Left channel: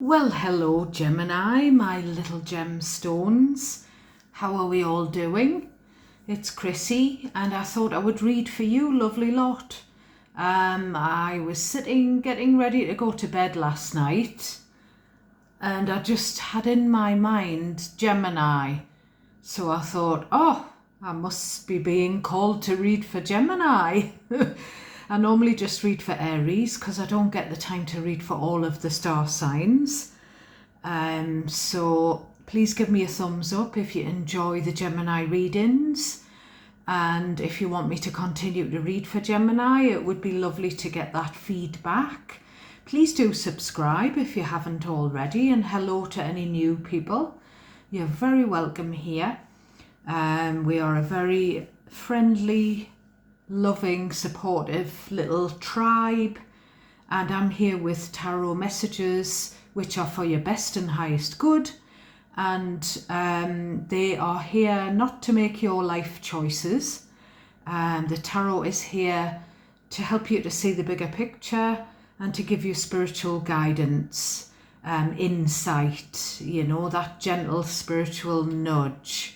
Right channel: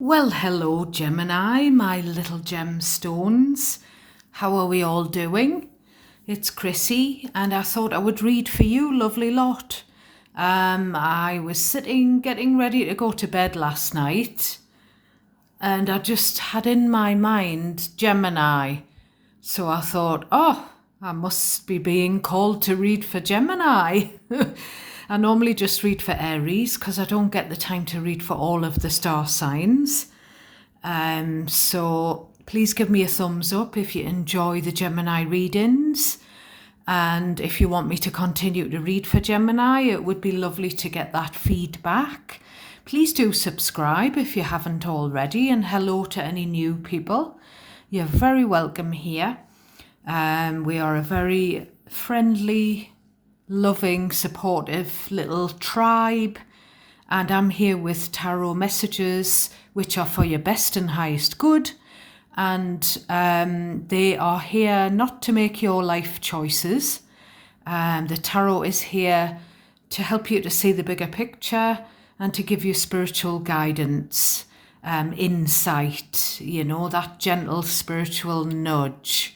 Well, hello, Gemini, my little gemstones. How are we all doing? It's Chrissy, and I thought I would read for you, lovely lot. I was sitting getting ready to go to bed last night, and I just had in my mind Gemini. So I thought, oh, I must be being called to read for Gemini. I normally just read for Aries because I don't get the time to read for all of the star signs. So please give me a thumbs up if you enjoy the Gemini readings. And if you want me to continue to read for Gemini, it would be lovely to get that feedback. Please do subscribe if you haven't already, and hello to any new people. You're very welcome here. We are a very friendly, loving, supportive little tribe, and I'm here with tarot messages which are for your best and highest good, and they are here not to make your life choices. The tarot is here to help you to see the bigger picture and to give you spiritual guidance, insight, that gentle spiritual nudge.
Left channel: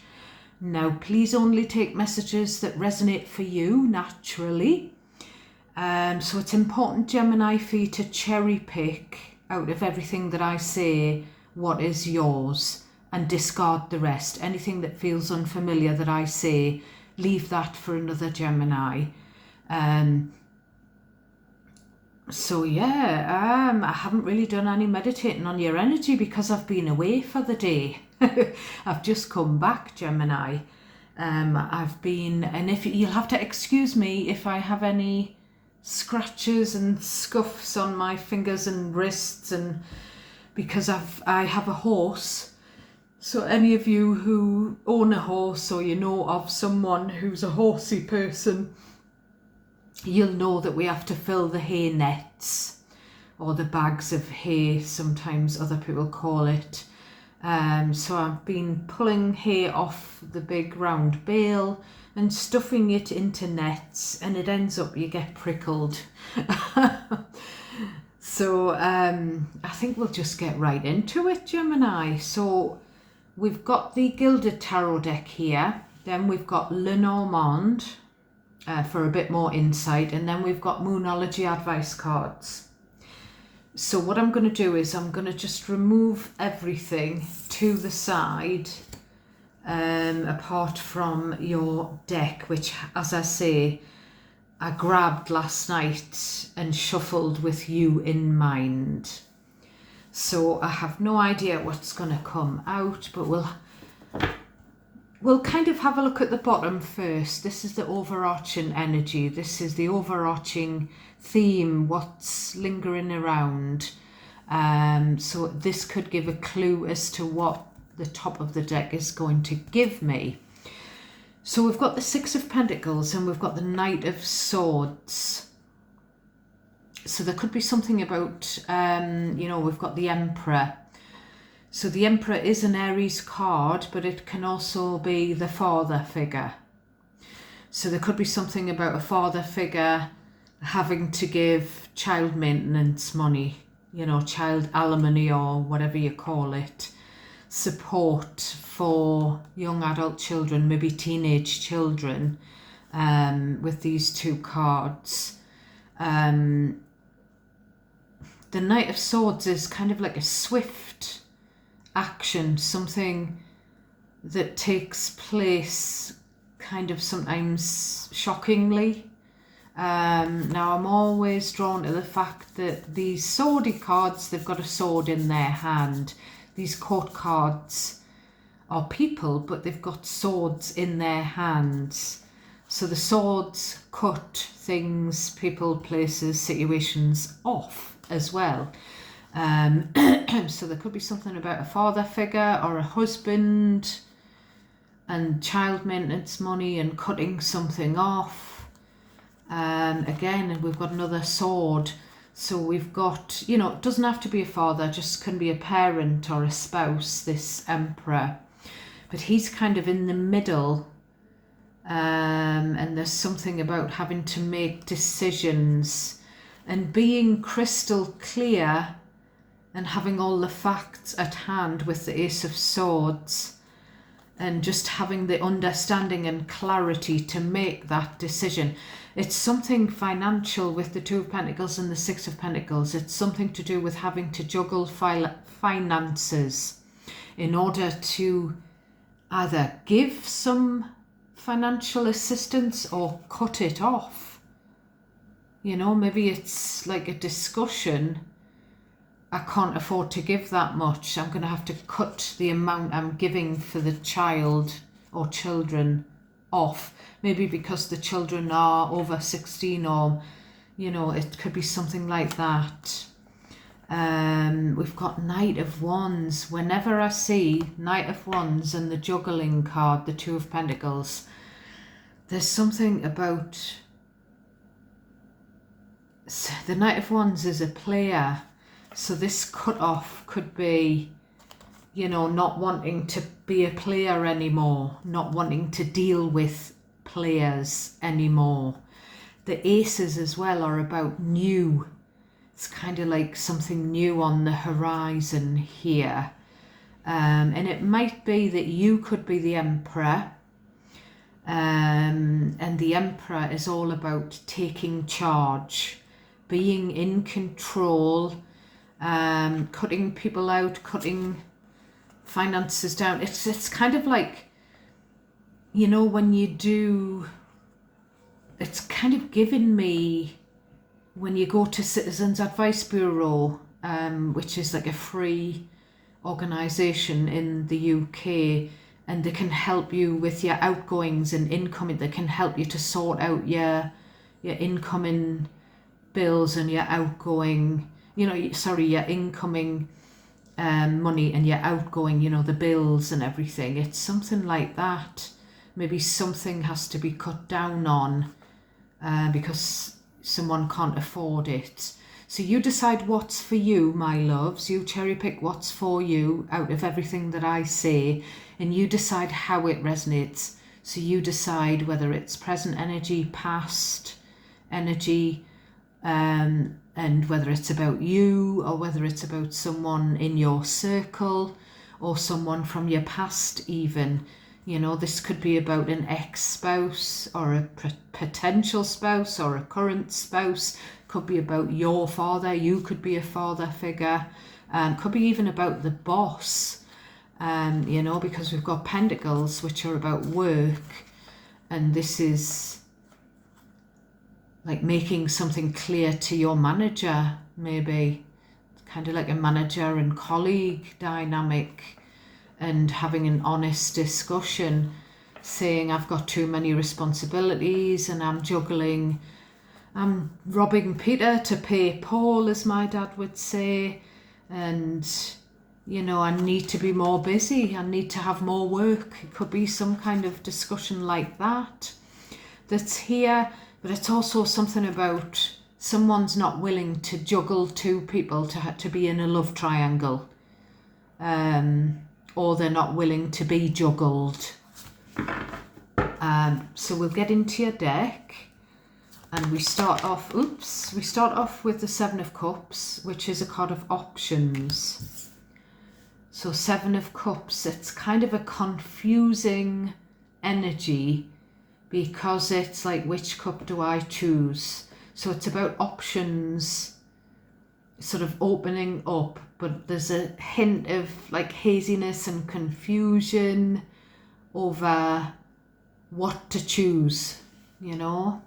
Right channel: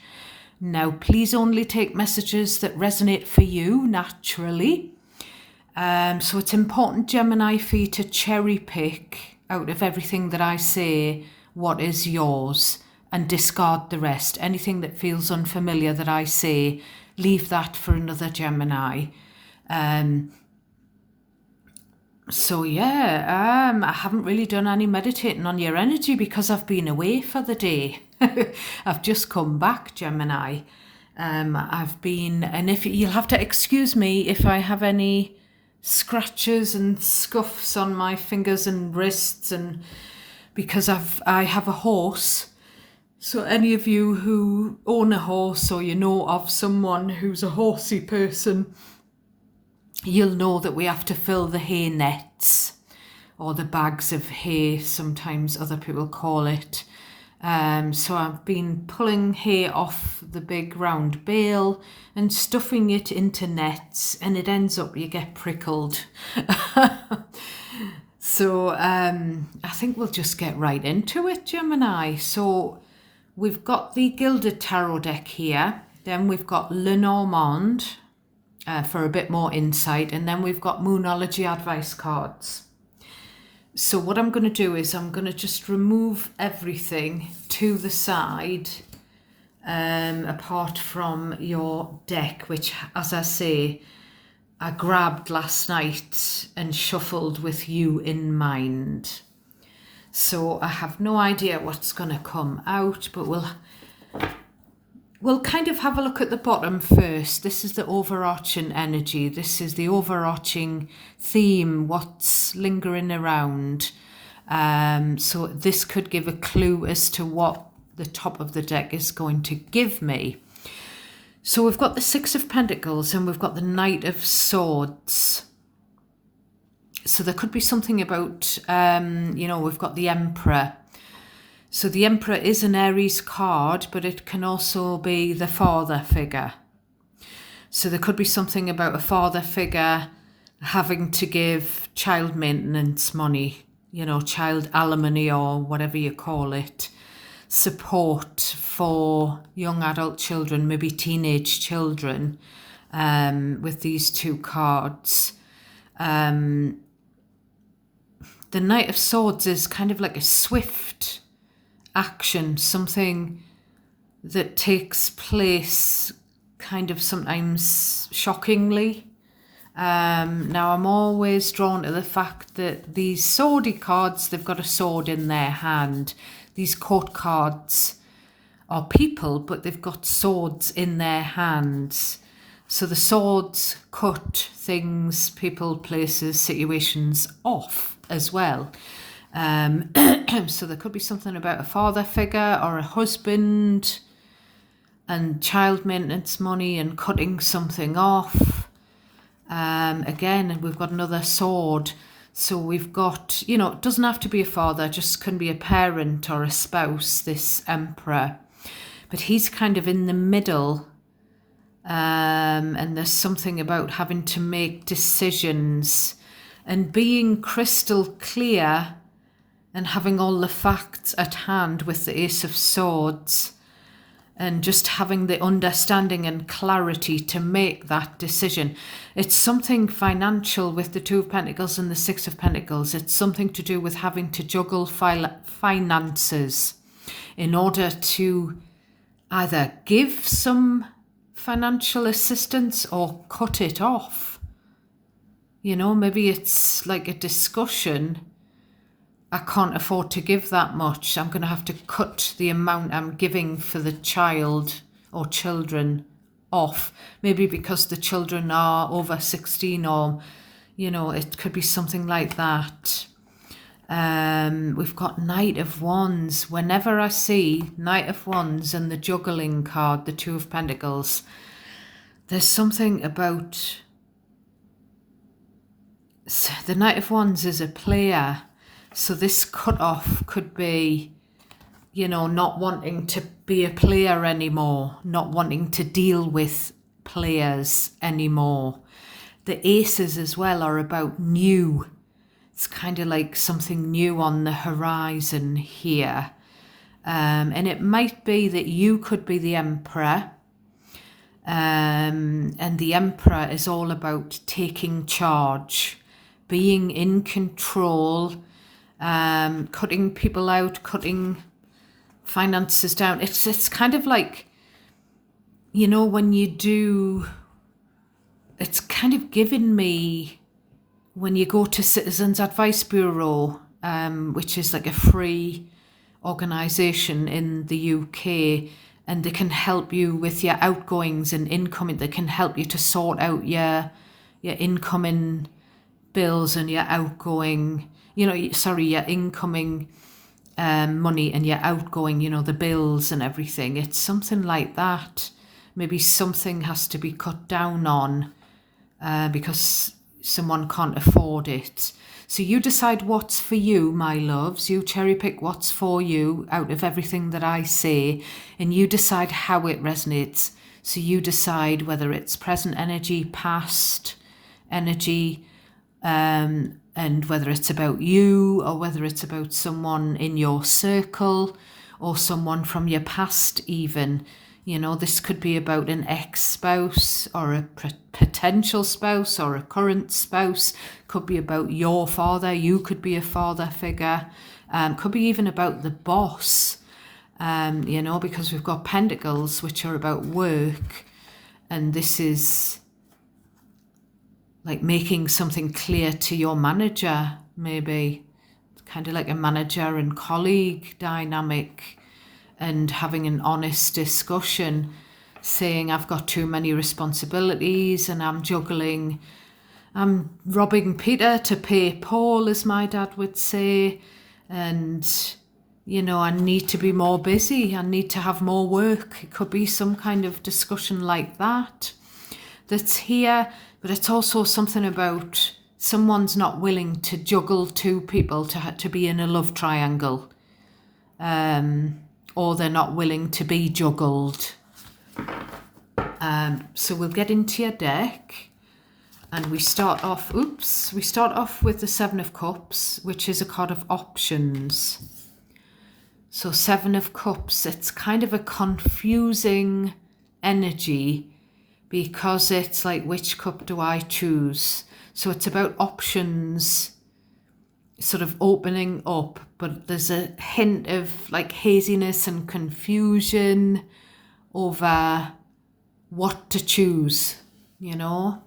Now, please only take messages that resonate for you naturally. So it's important, Gemini, for you to cherry pick out of everything that I say what is yours and discard the rest. Anything that feels unfamiliar that I say, leave that for another Gemini. I haven't really done any meditating on your energy because I've been away for the day. I've just come back, Gemini. I've been, and if you'll have to excuse me if I have any scratches and scuffs on my fingers and wrists, and because I have a horse. So any of you who own a horse or you know of someone who's a horsey person, you'll know that we have to fill the hay nets, or the bags of hay, sometimes other people call it. So I've been pulling hay off the big round bale and stuffing it into nets, and it ends up you get prickled. So I think we'll just get right into it, Gemini. So we've got the Gilded Tarot deck here, then we've got Lenormand, for a bit more insight, and then we've got Moonology advice cards. So what I'm going to do is I'm going to just remove everything to the side, apart from your deck, which, as I say, I grabbed last night and shuffled with you in mind. So I have no idea what's going to come out, but we'll kind of have a look at the bottom first. This is the overarching energy. This is the overarching theme, what's lingering around. So this could give a clue as to what the top of the deck is going to give me. So we've got the Six of Pentacles and we've got the Knight of Swords. So there could be something about, we've got the Emperor. So the Emperor is an Aries card, but it can also be the father figure. So there could be something about a father figure having to give child maintenance money, child alimony or whatever you call it, support for young adult children, maybe teenage children, with these two cards. The Knight of Swords is kind of like a swift action, something that takes place kind of sometimes shockingly. Now I'm always drawn to the fact that these swordy cards, they've got a sword in their hand. These court cards are people, but they've got swords in their hands. So the swords cut things, people, places, situations off as well. So there could be something about a father figure or a husband and child maintenance money and cutting something off. Again, we've got another sword. So we've got, it doesn't have to be a father, just can be a parent or a spouse, this Emperor. But he's kind of in the middle. And there's something about having to make decisions and being crystal clear and having all the facts at hand with the Ace of Swords, and just having the understanding and clarity to make that decision. It's something financial with the Two of Pentacles and the Six of Pentacles. It's something to do with having to juggle finances in order to either give some financial assistance or cut it off. You know, maybe it's like a discussion. I can't afford to give that much. I'm going to have to cut the amount I'm giving for the child or children off. Maybe because the children are over 16, or, you know, it could be something like that. We've got Knight of Wands. Whenever I see Knight of Wands and the juggling card, the Two of Pentacles, there's something about... The Knight of Wands is a player. So this cut-off could be, you know, not wanting to be a player anymore, not wanting to deal with players anymore. The aces as well are about new. It's kind of like something new on the horizon here. And it might be that you could be the Emperor. And the Emperor is all about taking charge, being in control, cutting people out, cutting finances down. It's kind of like, you know, when you do, it's kind of given me when you go to Citizens Advice Bureau, which is like a free organisation in the UK, and they can help you with your outgoings and incoming. They can help you to sort out your incoming bills and your outgoing, you know, sorry, your incoming money and your outgoing, you know, the bills and everything. It's something like that. Maybe something has to be cut down on because someone can't afford it. So you decide what's for you, my loves. You cherry pick what's for you out of everything that I say, and you decide how it resonates. So you decide whether it's present energy, past energy, and whether it's about you or whether it's about someone in your circle or someone from your past even. You know, this could be about an ex-spouse or a potential spouse or a current spouse. Could be about your father. You could be a father figure. Could be even about the boss, you know, because we've got Pentacles, which are about work. And this is like making something clear to your manager, maybe. Kind of like a manager and colleague dynamic, and having an honest discussion, saying I've got too many responsibilities and I'm juggling, I'm robbing Peter to pay Paul, as my dad would say, and, you know, I need to be more busy, I need to have more work. It could be some kind of discussion like that that's here. But it's also something about someone's not willing to juggle two people to be in a love triangle. Or they're not willing to be juggled. So we'll get into your deck. And we start off with the Seven of Cups, which is a card of options. So Seven of Cups, it's kind of a confusing energy, because it's like, which cup do I choose? So it's about options sort of opening up, but there's a hint of like haziness and confusion over what to choose, you know?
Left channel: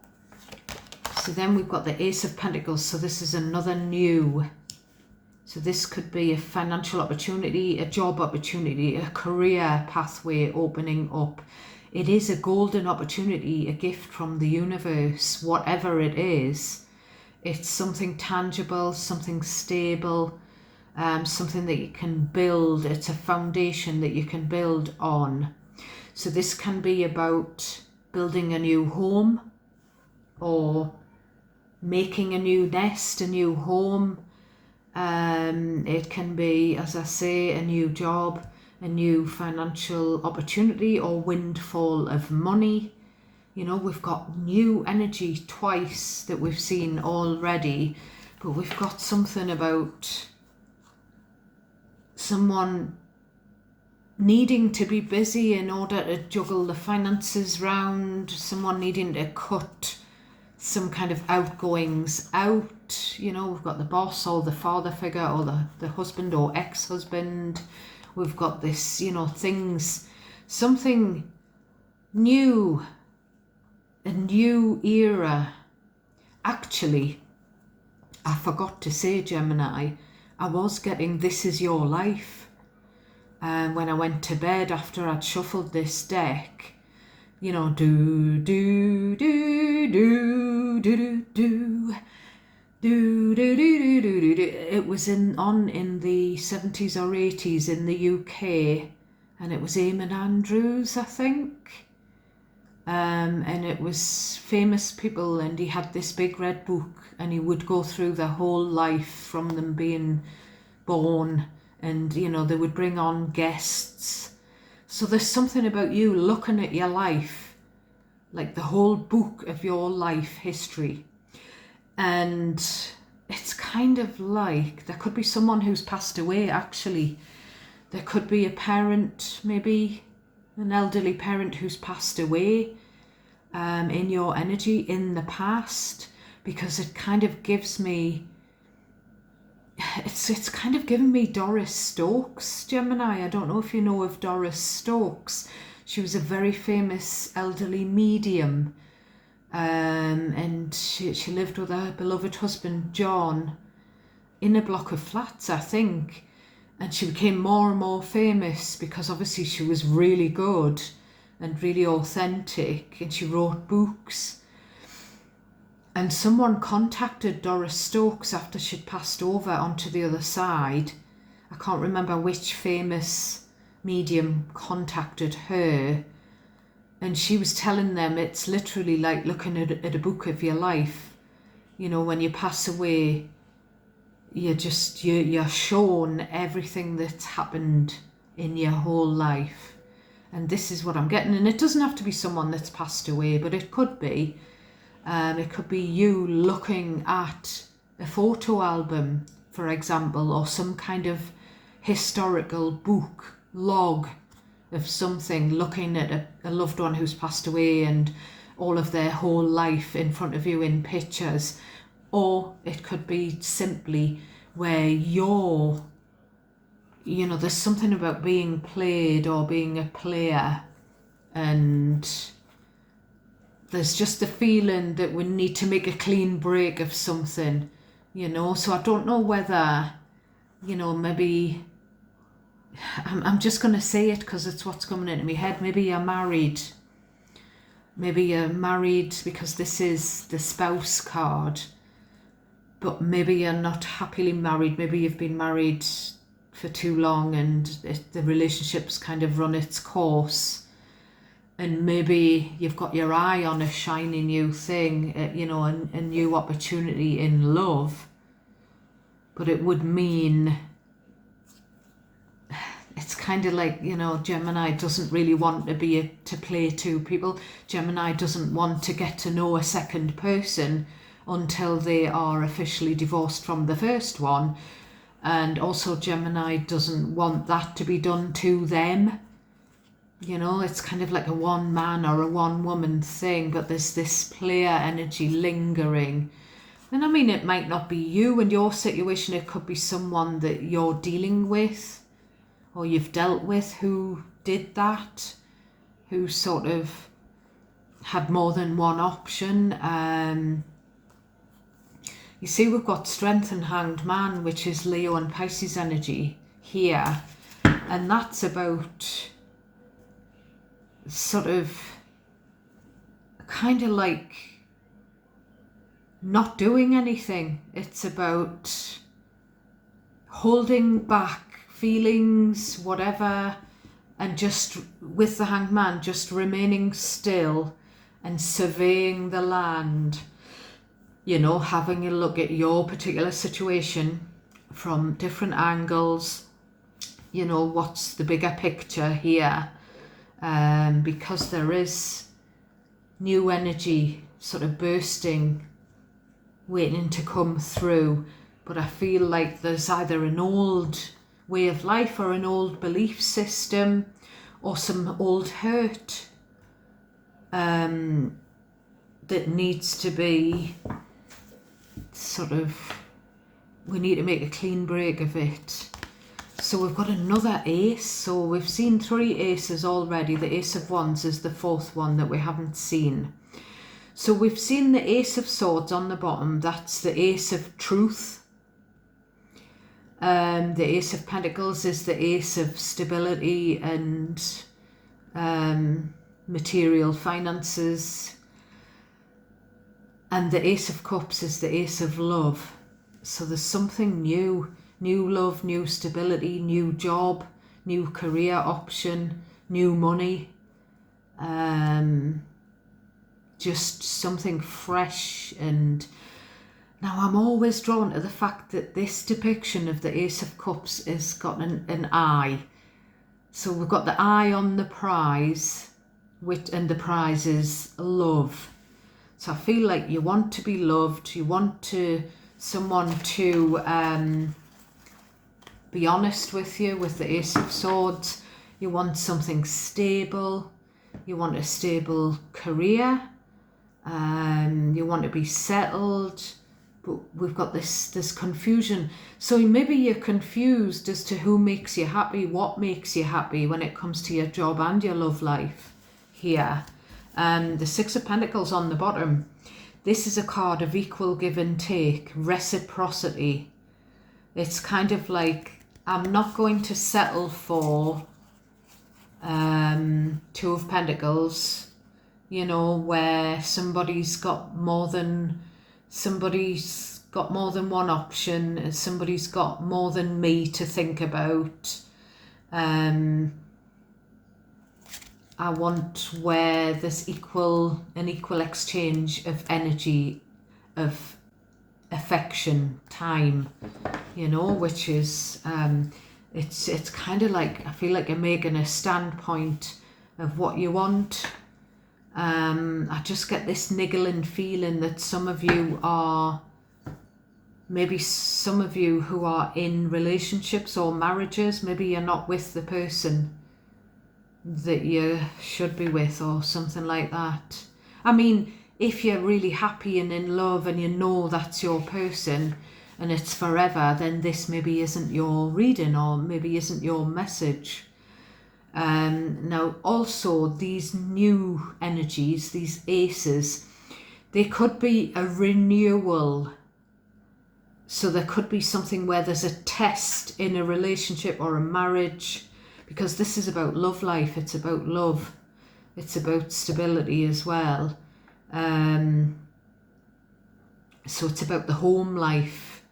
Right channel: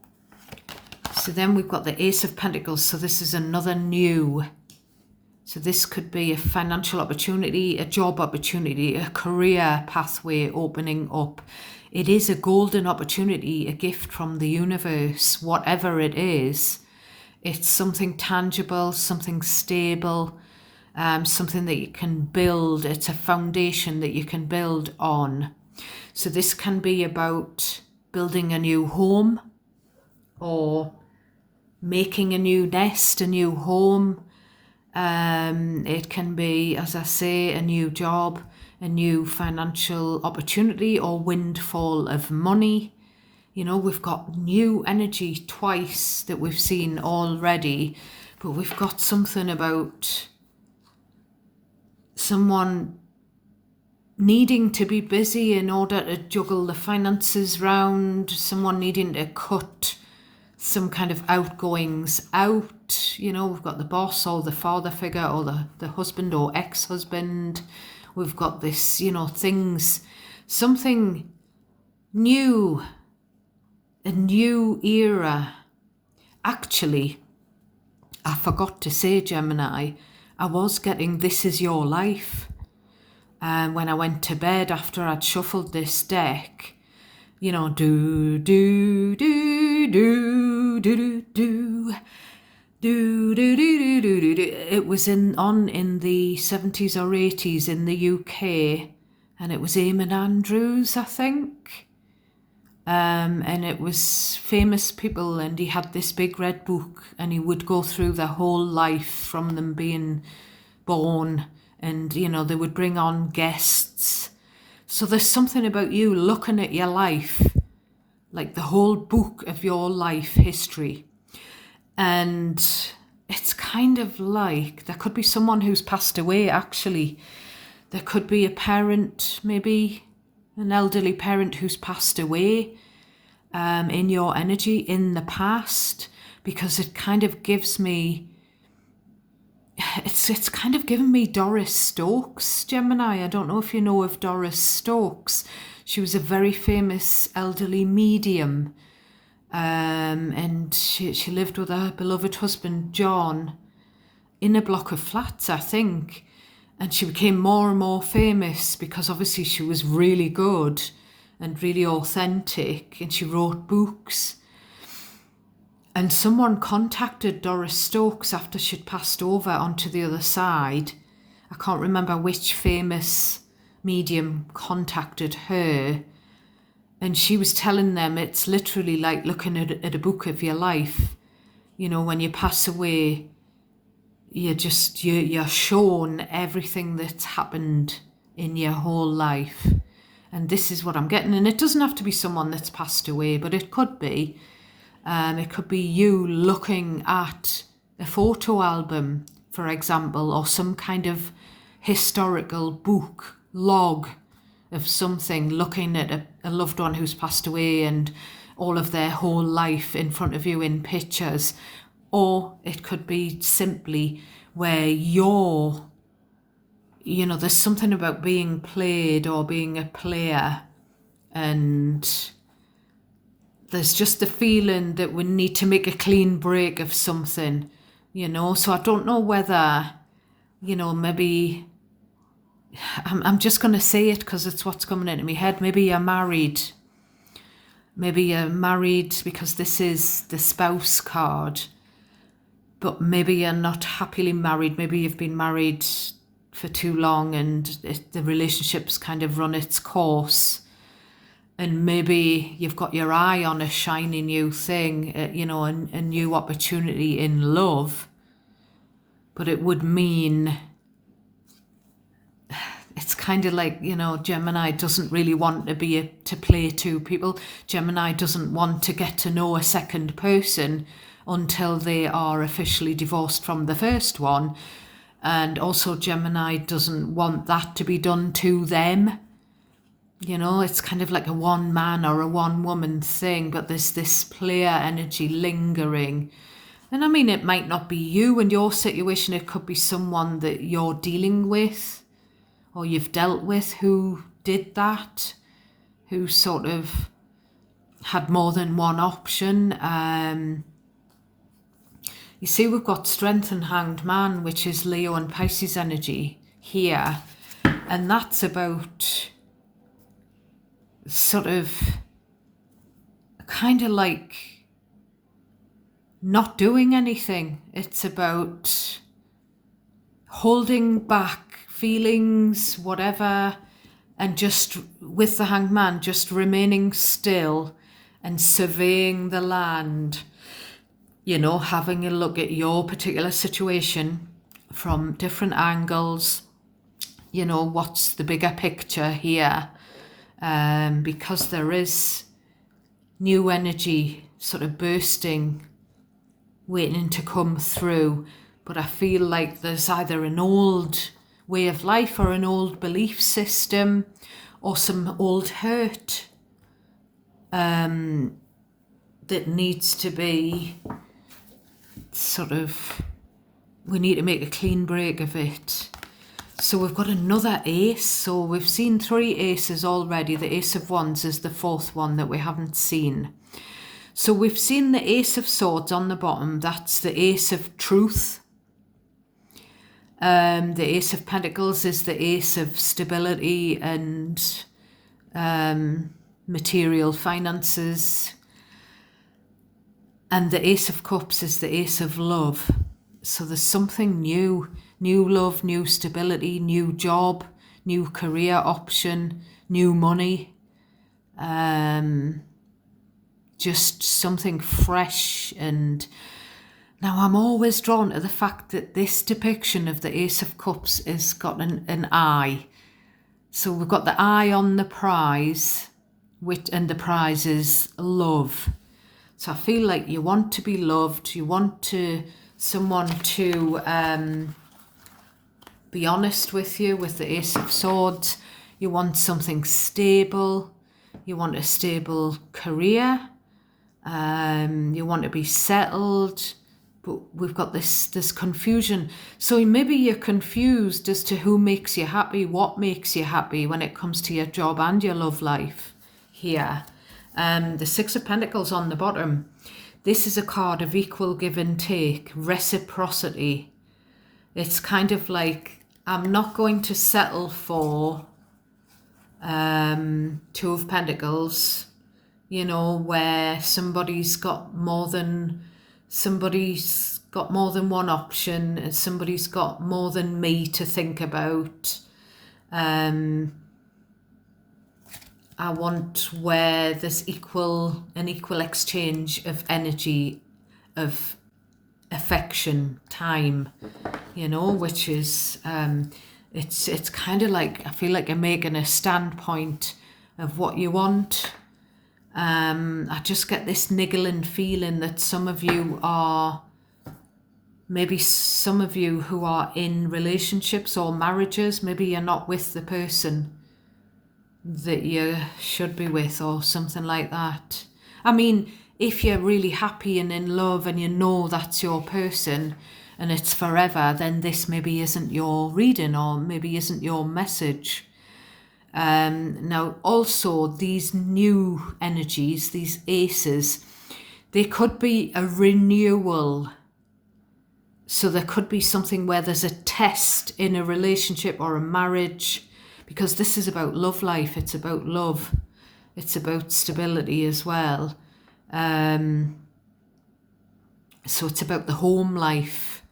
So then we've got the Ace of Pentacles. So this is another new. So this could be a financial opportunity, a job opportunity, a career pathway opening up. It is a golden opportunity, a gift from the universe, whatever it is. It's something tangible, something stable, something that you can build. It's a foundation that you can build on. So this can be about building a new home or making a new nest, a new home. It can be, as I say, a new job, a new financial opportunity or windfall of money. You know, we've got new energy twice that we've seen already, but we've got something about someone needing to be busy in order to juggle the finances round, someone needing to cut some kind of outgoings out. You know, we've got the boss or the father figure or the husband or ex-husband. We've got this, you know, things, something new, a new era. Actually, I forgot to say, Gemini, I was getting This Is Your Life when I went to bed after I'd shuffled this deck. You know, do, do, do, do, do, do, do. Do, do, do, do, do, do. It was on in the 70s or 80s in the UK, and it was Eamon Andrews, I think. And it was famous people, and he had this big red book, and he would go through their whole life from them being born, and, you know, they would bring on guests. So there's something about you looking at your life, like the whole book of your life history. And it's kind of like, there could be someone who's passed away, actually. There could be a parent, maybe an elderly parent who's passed away in your energy in the past, because it kind of gives me, it's kind of given me Doris Stokes, Gemini. I don't know if you know of Doris Stokes. She was a very famous elderly medium. And she lived with her beloved husband, John, in a block of flats, I think. And she became more and more famous because obviously she was really good and really authentic, and she wrote books. And someone contacted Doris Stokes after she'd passed over onto the other side. I can't remember which famous medium contacted her. And she was telling them it's literally like looking at a book of your life. You know, when you pass away, you're shown everything that's happened in your whole life. And this is what I'm getting. And it doesn't have to be someone that's passed away, but it could be. It could be you looking at a photo album, for example, or some kind of historical book, log of something, looking at a loved one who's passed away and all of their whole life in front of you in pictures. Or it could be simply where there's something about being played or being a player, and there's just the feeling that we need to make a clean break of something, you know. So I don't know whether, you know, maybe I'm just going to say it because it's what's coming into my head. Maybe you're married. Maybe you're married because this is the spouse card. But maybe you're not happily married. Maybe you've been married for too long and the relationship's kind of run its course. And maybe you've got your eye on a shiny new thing, you know, a new opportunity in love. But it would mean, it's kind of like, you know, Gemini doesn't really want to play two people. Gemini doesn't want to get to know a second person until they are officially divorced from the first one. And also Gemini doesn't want that to be done to them. You know, it's kind of like a one man or a one woman thing, but there's this player energy lingering. And I mean, it might not be you and your situation. It could be someone that you're dealing with or you've dealt with who did that, who sort of had more than one option. You see, we've got Strength and Hanged Man, which is Leo and Pisces energy here. And that's about sort of kind of like not doing anything. It's about holding back feelings, whatever, and just with the Hanged Man, just remaining still and surveying the land. You know, having a look at your particular situation from different angles. You know, what's the bigger picture here? Because there is new energy sort of bursting, waiting to come through. But I feel like there's either an old way of life or an old belief system or some old hurt that needs to be we need to make a clean break of it. So we've got another ace. So we've seen 3 aces already. The Ace of Wands is the 4th one that we haven't seen. So we've seen the Ace of Swords on the bottom. That's the Ace of Truth. The Ace of Pentacles is the Ace of Stability and material finances. And the Ace of Cups is the Ace of Love. So there's something new love, new stability, new job, new career option, new money. Just something fresh. And now I'm always drawn to the fact that this depiction of the Ace of Cups has got an eye. So we've got the eye on the prize, and the prize is love. So I feel like you want to be loved, you want someone to be honest with you with the Ace of Swords. You want something stable, you want a stable career, you want to be settled, but we've got this confusion. So maybe you're confused as to who makes you happy, what makes you happy when it comes to your job and your love life here. The 6 of Pentacles on the bottom. This is a card of equal give and take, reciprocity. It's kind of like, I'm not going to settle for 2 of Pentacles, where somebody's got more than one option, and somebody's got more than me to think about. I want where there's an equal exchange of energy, of affection, time, which is, it's kind of like, I feel like you're making a standpoint of what you want. I just get this niggling feeling that some of you who are in relationships or marriages, maybe you're not with the person that you should be with or something like that. I mean, if you're really happy and in love and you know that's your person and it's forever, then this maybe isn't your reading or maybe isn't your message. Now also these new energies, these aces, they could be a renewal. So there could be something where there's a test in a relationship or a marriage, because this is about love life, it's about love, it's about stability as well. So it's about the home life.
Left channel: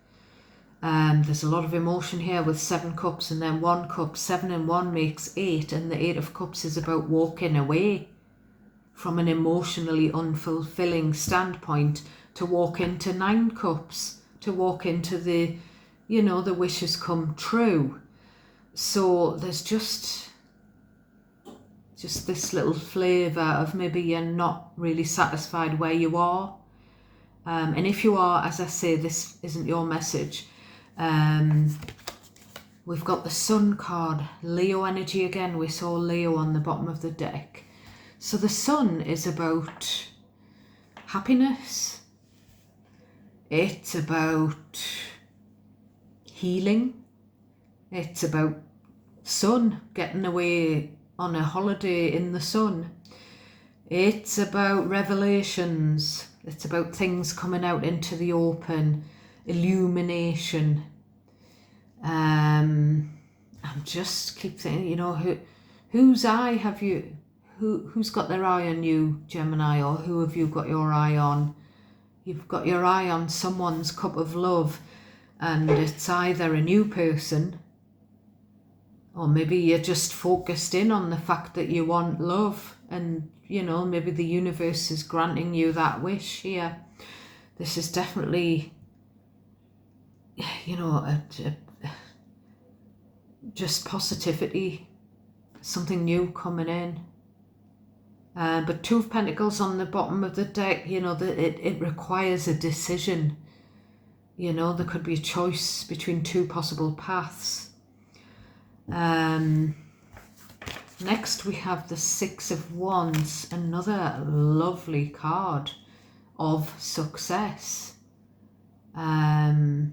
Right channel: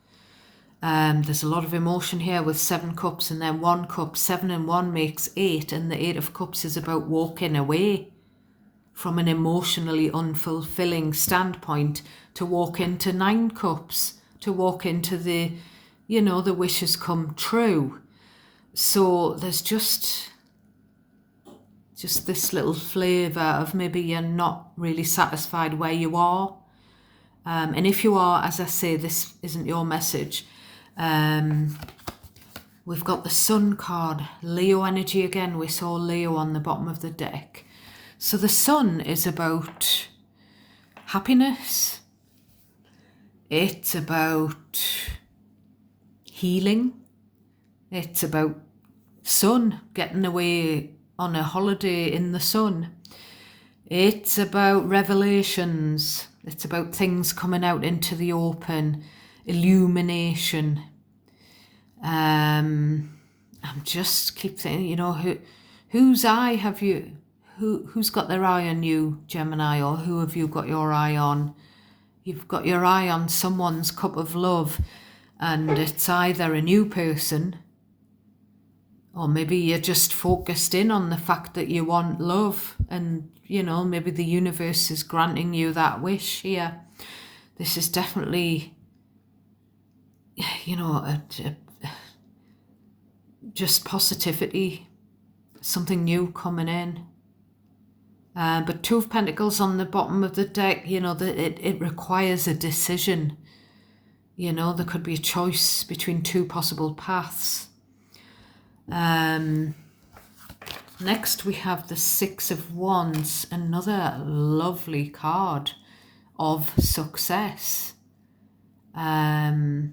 There's a lot of emotion here with 7 cups and then 1 cup. 7 and 1 makes 8, and the 8 of cups is about walking away from an emotionally unfulfilling standpoint to walk into 9 cups, to walk into the wishes come true. So there's just this little flavour of maybe you're not really satisfied where you are. And if you are, as I say, this isn't your message. We've got the Sun card, Leo energy again. We saw Leo on the bottom of the deck. So the Sun is about happiness. It's about healing. It's about sun, getting away on a holiday in the sun. It's about revelations. It's about things coming out into the open, illumination. I'm just keep saying, whose eye have you? Who's got their eye on you, Gemini, or who have you got your eye on? You've got your eye on someone's cup of love, and it's either a new person, or maybe you're just focused in on the fact that you want love, and maybe the universe is granting you that wish here. This is definitely, just positivity, something new coming in. But 2 of Pentacles on the bottom of the deck, it requires a decision. There could be a choice between 2 possible paths. Next we have the Six of Wands, another lovely card of success. Now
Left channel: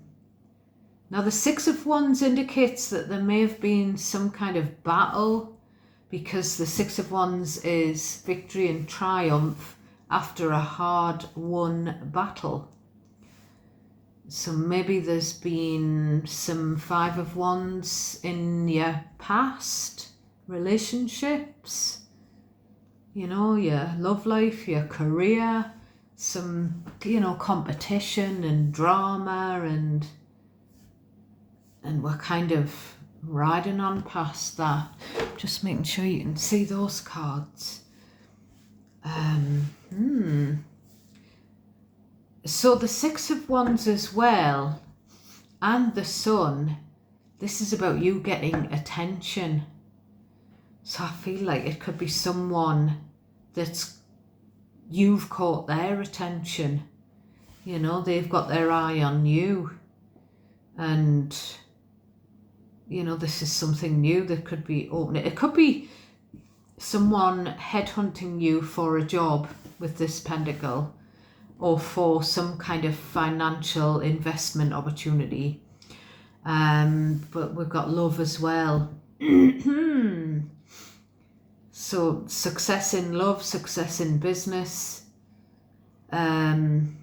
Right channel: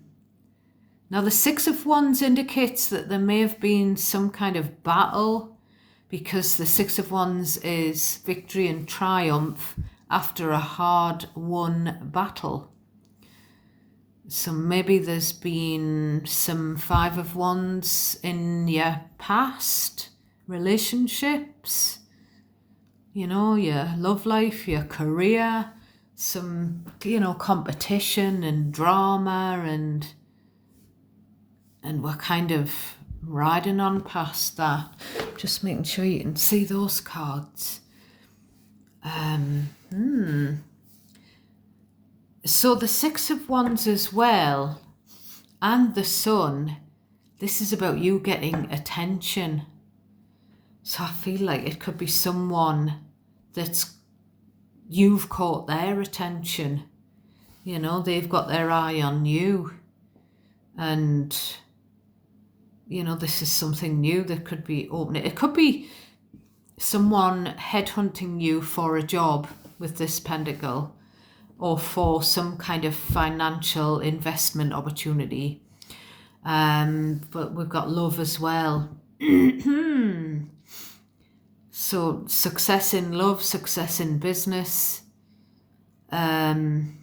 the Six of Wands indicates that there may have been some kind of battle, because the Six of Wands is victory and triumph after a hard-won battle. So maybe there's been some Five of Wands in your past relationships, you know, your love life, your career, some, you know, competition and drama, and we're kind of riding on past that. Just making sure you can see those cards. So the Six of Wands as well, and the Sun, this is about you getting attention. So I feel like it could be someone that's, you've caught their attention. You know, they've got their eye on you. And, you know, this is something new that could be opening. It could be someone headhunting you for a job with this pentacle, or for some kind of financial investment opportunity. But we've got love as well. So success in love, success in business. I'm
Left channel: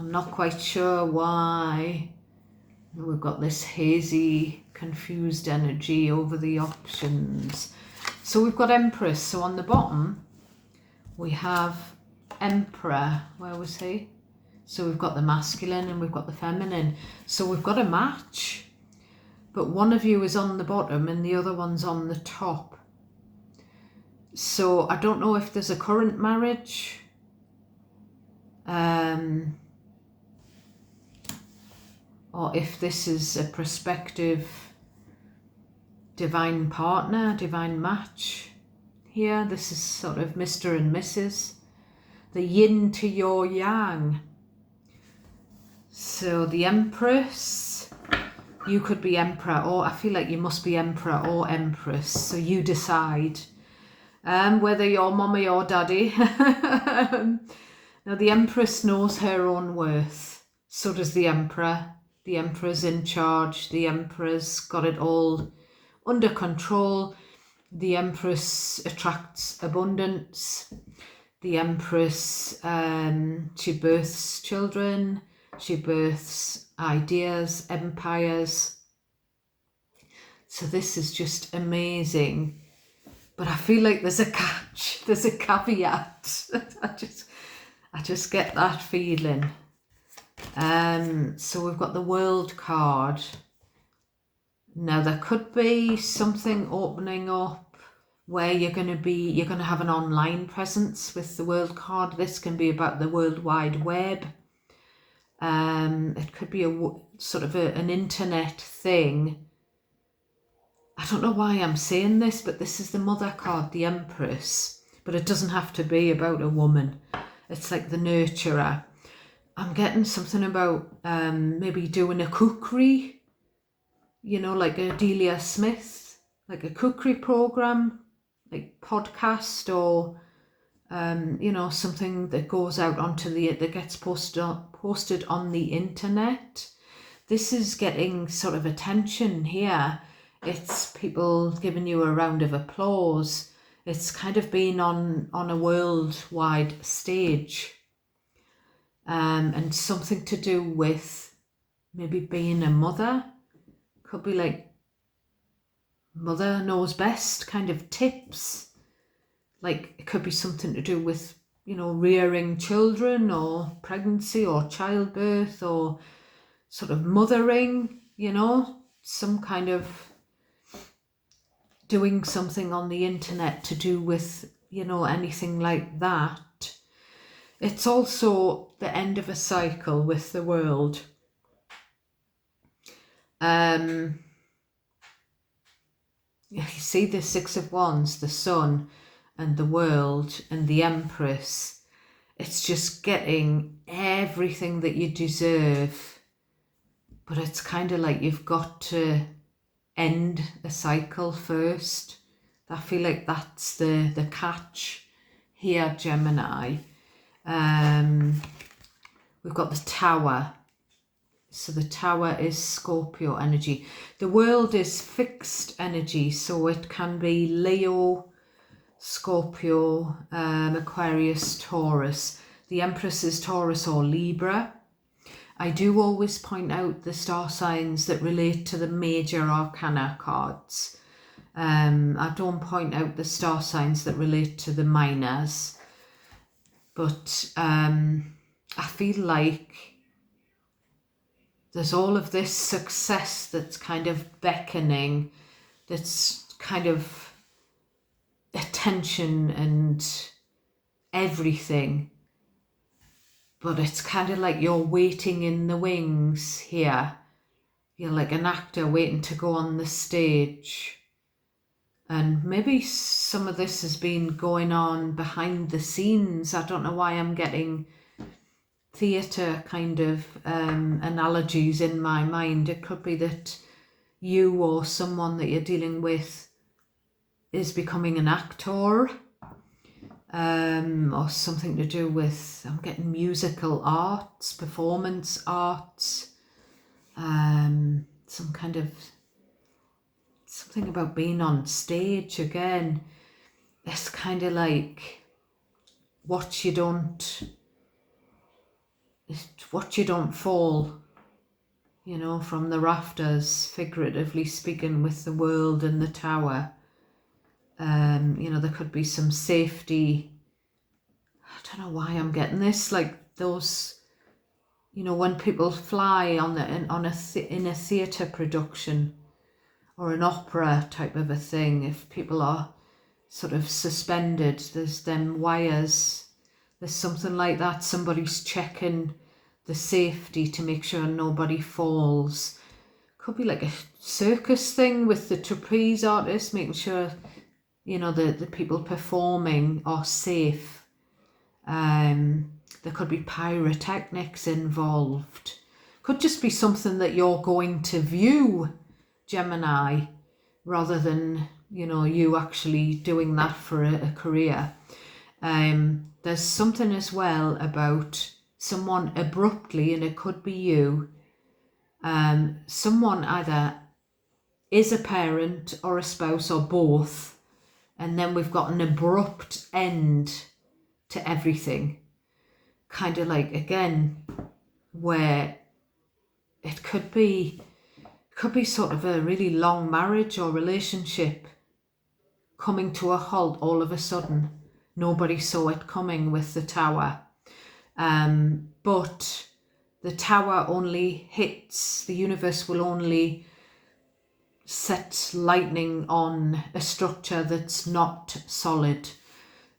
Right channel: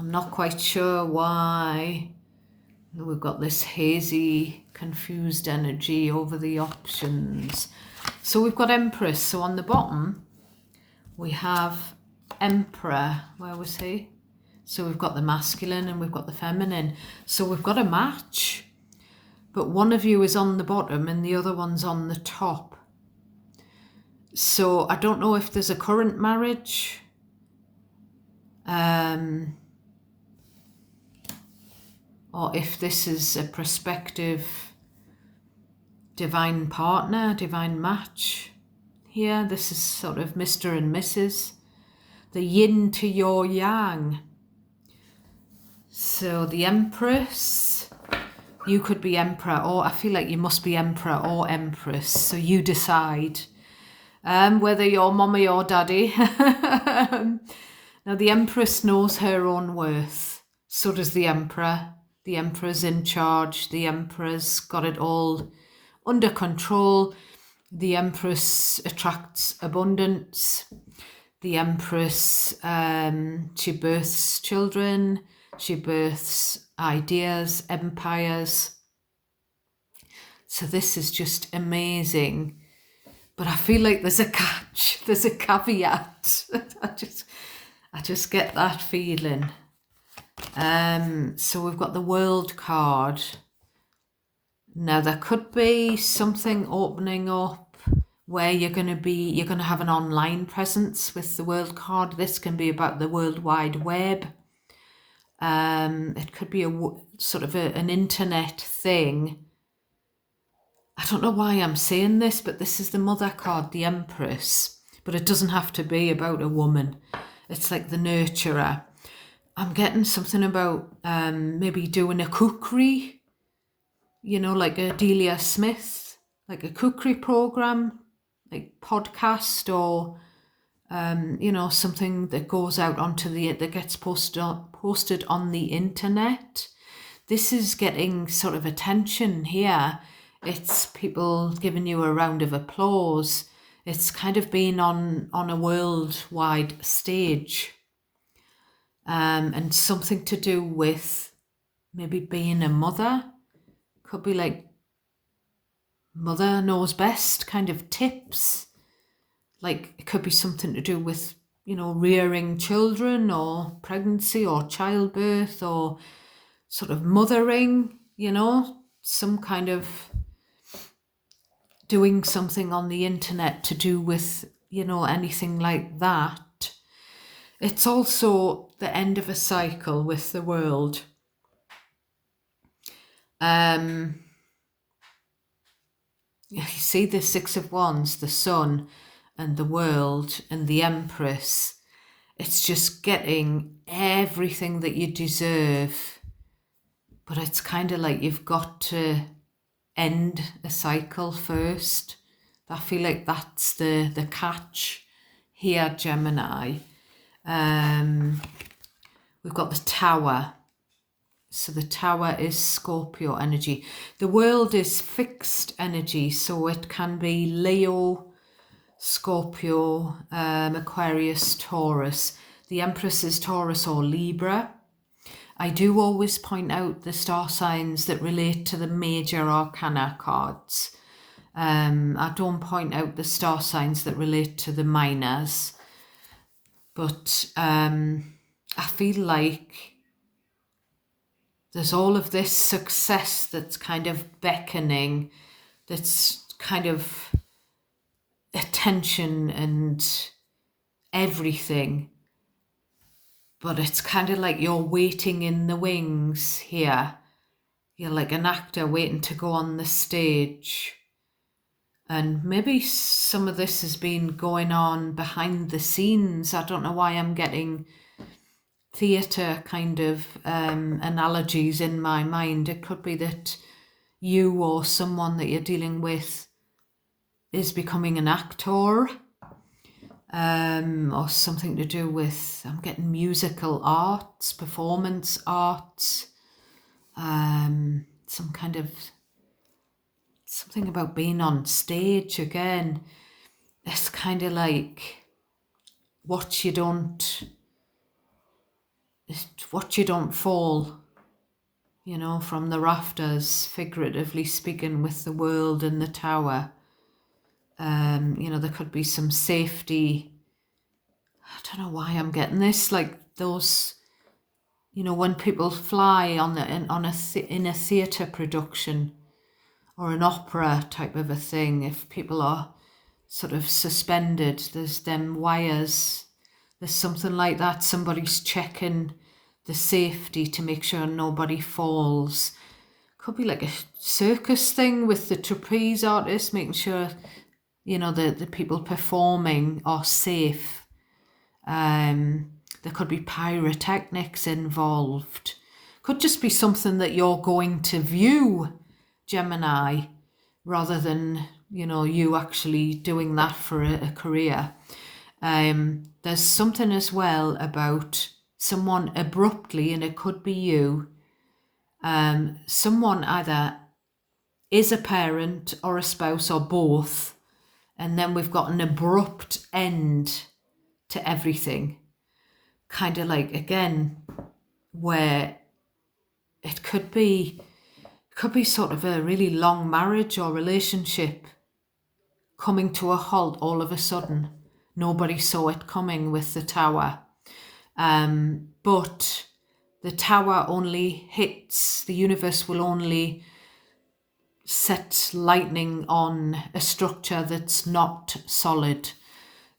not quite sure why. We've got this hazy, confused energy over the options. So we've got Empress. So on the bottom, we have Emperor. Where was he? So we've got the masculine and we've got the feminine. So we've got a match, but one of you is on the bottom and the other one's on the top. So I don't know if there's a current marriage, or if this is a prospective divine partner, divine match. Here, this is sort of Mr. and Mrs. The yin to your yang. So the Empress, you could be Emperor, or I feel like you must be Emperor or Empress. So you decide whether you're mommy or daddy. Now the Empress knows her own worth. So does the Emperor. The Emperor's in charge. The Emperor's got it all under control. The Empress attracts abundance. The Empress, she births children. She births ideas, empires. So this is just amazing. But I feel like there's a catch. There's a caveat. I just get that feeling. So we've got the World card. Now there could be something opening up where you're going to have an online presence with the World card. This can be about the World Wide Web. It could be an internet thing. I don't know why I'm saying this, but this is the Mother card, the Empress. But it doesn't have to be about a woman. It's like the nurturer. I'm getting something about maybe doing a cookery, you know, like a Delia Smith, like a cookery program, like podcast, or you know, something that goes out onto that gets posted on the internet. This is getting sort of attention here. It's people giving you a round of applause. It's kind of being on a worldwide stage. And something to do with maybe being a mother. Could be like mother knows best kind of tips. Like it could be something to do with, you know, rearing children, or pregnancy, or childbirth, or sort of mothering, you know, some kind of doing something on the internet to do with, you know, anything like that. It's also the end of a cycle with the world. You see the Six of Wands, the Sun and the World and the Empress. It's just getting everything that you deserve. But it's kind of like you've got to end a cycle first. I feel like that's the catch here, Gemini. We've got the Tower. So the Tower is Scorpio energy. The world is fixed energy, so it can be Leo, Scorpio, Aquarius, Taurus. The Empress is Taurus or Libra. I do always point out the star signs that relate to the major arcana cards. I don't point out the star signs that relate to the minors. But I feel like there's all of this success that's kind of beckoning, that's kind of attention and everything. But it's kind of like you're waiting in the wings here. You're like an actor waiting to go on the stage. And maybe some of this has been going on behind the scenes. I don't know why I'm getting theatre kind of analogies in my mind. It could be that you or someone that you're dealing with is becoming an actor, or something to do with, I'm getting musical arts, performance arts, some kind of, something about being on stage again. It's kind of like watch you don't fall, you know, from the rafters, figuratively speaking, with the world and the Tower. You know, there could be some safety. I don't know why I'm getting this, like those, you know, when people fly in a theatre production or an opera type of a thing, if people are sort of suspended, there's them wires, there's something like that. Somebody's checking the safety to make sure nobody falls. Could be like a circus thing with the trapeze artist, making sure, you know, the people performing are safe. There could be pyrotechnics involved. Could just be something that you're going to view, Gemini, rather than, you know, you actually doing that for a career. There's something as well about someone abruptly, and it could be you, someone either is a parent or a spouse or both, and then we've got an abrupt end to everything. Kind of like, again, where it could be sort of a really long marriage or relationship coming to a halt all of a sudden. Nobody saw it coming with the Tower. But the Tower only hits, the universe will only set lightning on a structure that's not solid.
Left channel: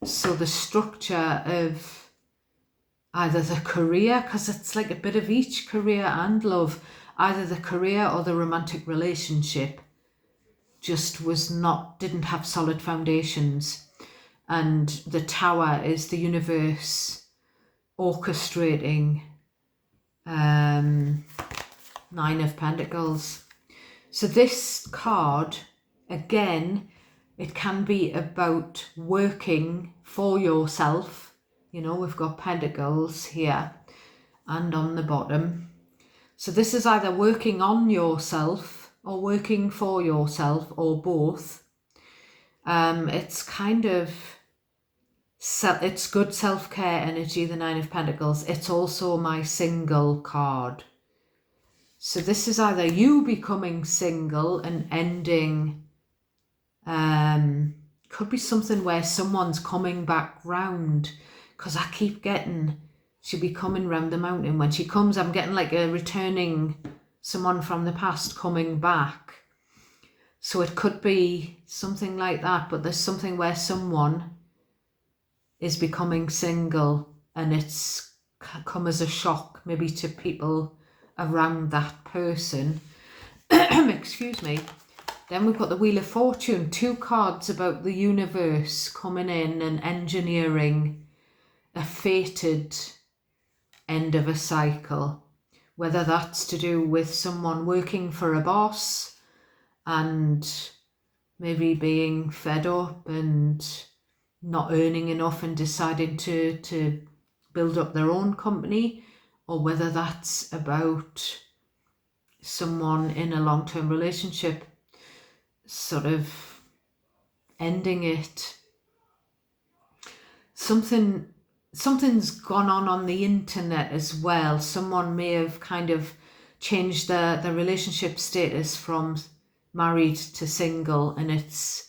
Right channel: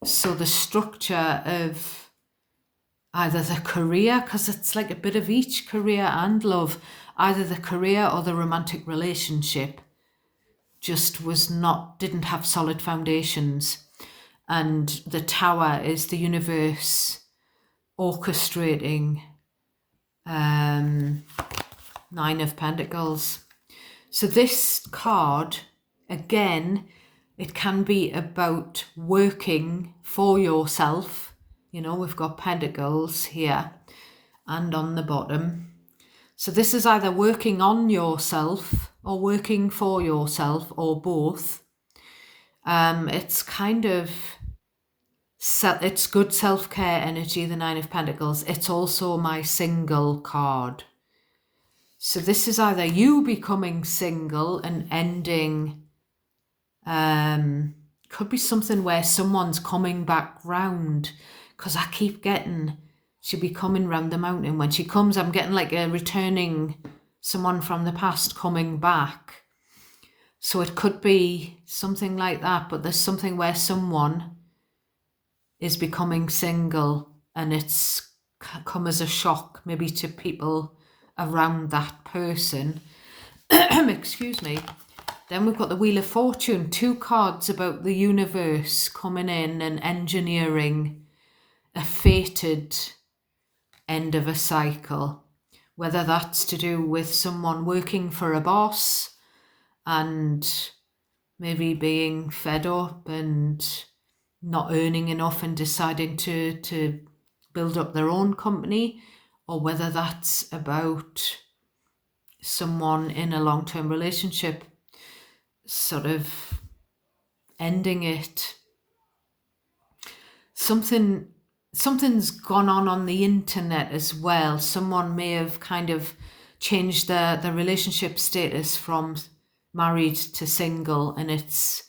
So the structure of either the career, because it's like a bit of each, career and love, either the career or the romantic relationship just didn't have solid foundations. And the Tower is the universe orchestrating. 9 of Pentacles. So this card, again, it can be about working for yourself. You know, we've got Pentacles here and on the bottom. So this is either working on yourself or working for yourself or both. It's kind of, it's good self-care energy, the 9 of Pentacles. It's also my single card. So this is either you becoming single and ending, could be something where someone's coming back round, because I keep getting, she'll be coming round the mountain. When she comes, I'm getting like a returning, someone from the past coming back. So it could be something like that, but there's something where someone is becoming single and it's come as a shock maybe to people around that person. Excuse me. Then we've got the Wheel of Fortune, 2 cards about the universe coming in and engineering a fated end of a cycle, whether that's to do with someone working for a boss, and maybe being fed up and not earning enough and deciding to build up their own company, or whether that's about someone in a long-term relationship sort of ending it. Something's gone on the internet as well. Someone may have kind of changed their relationship status from married to single, and it's,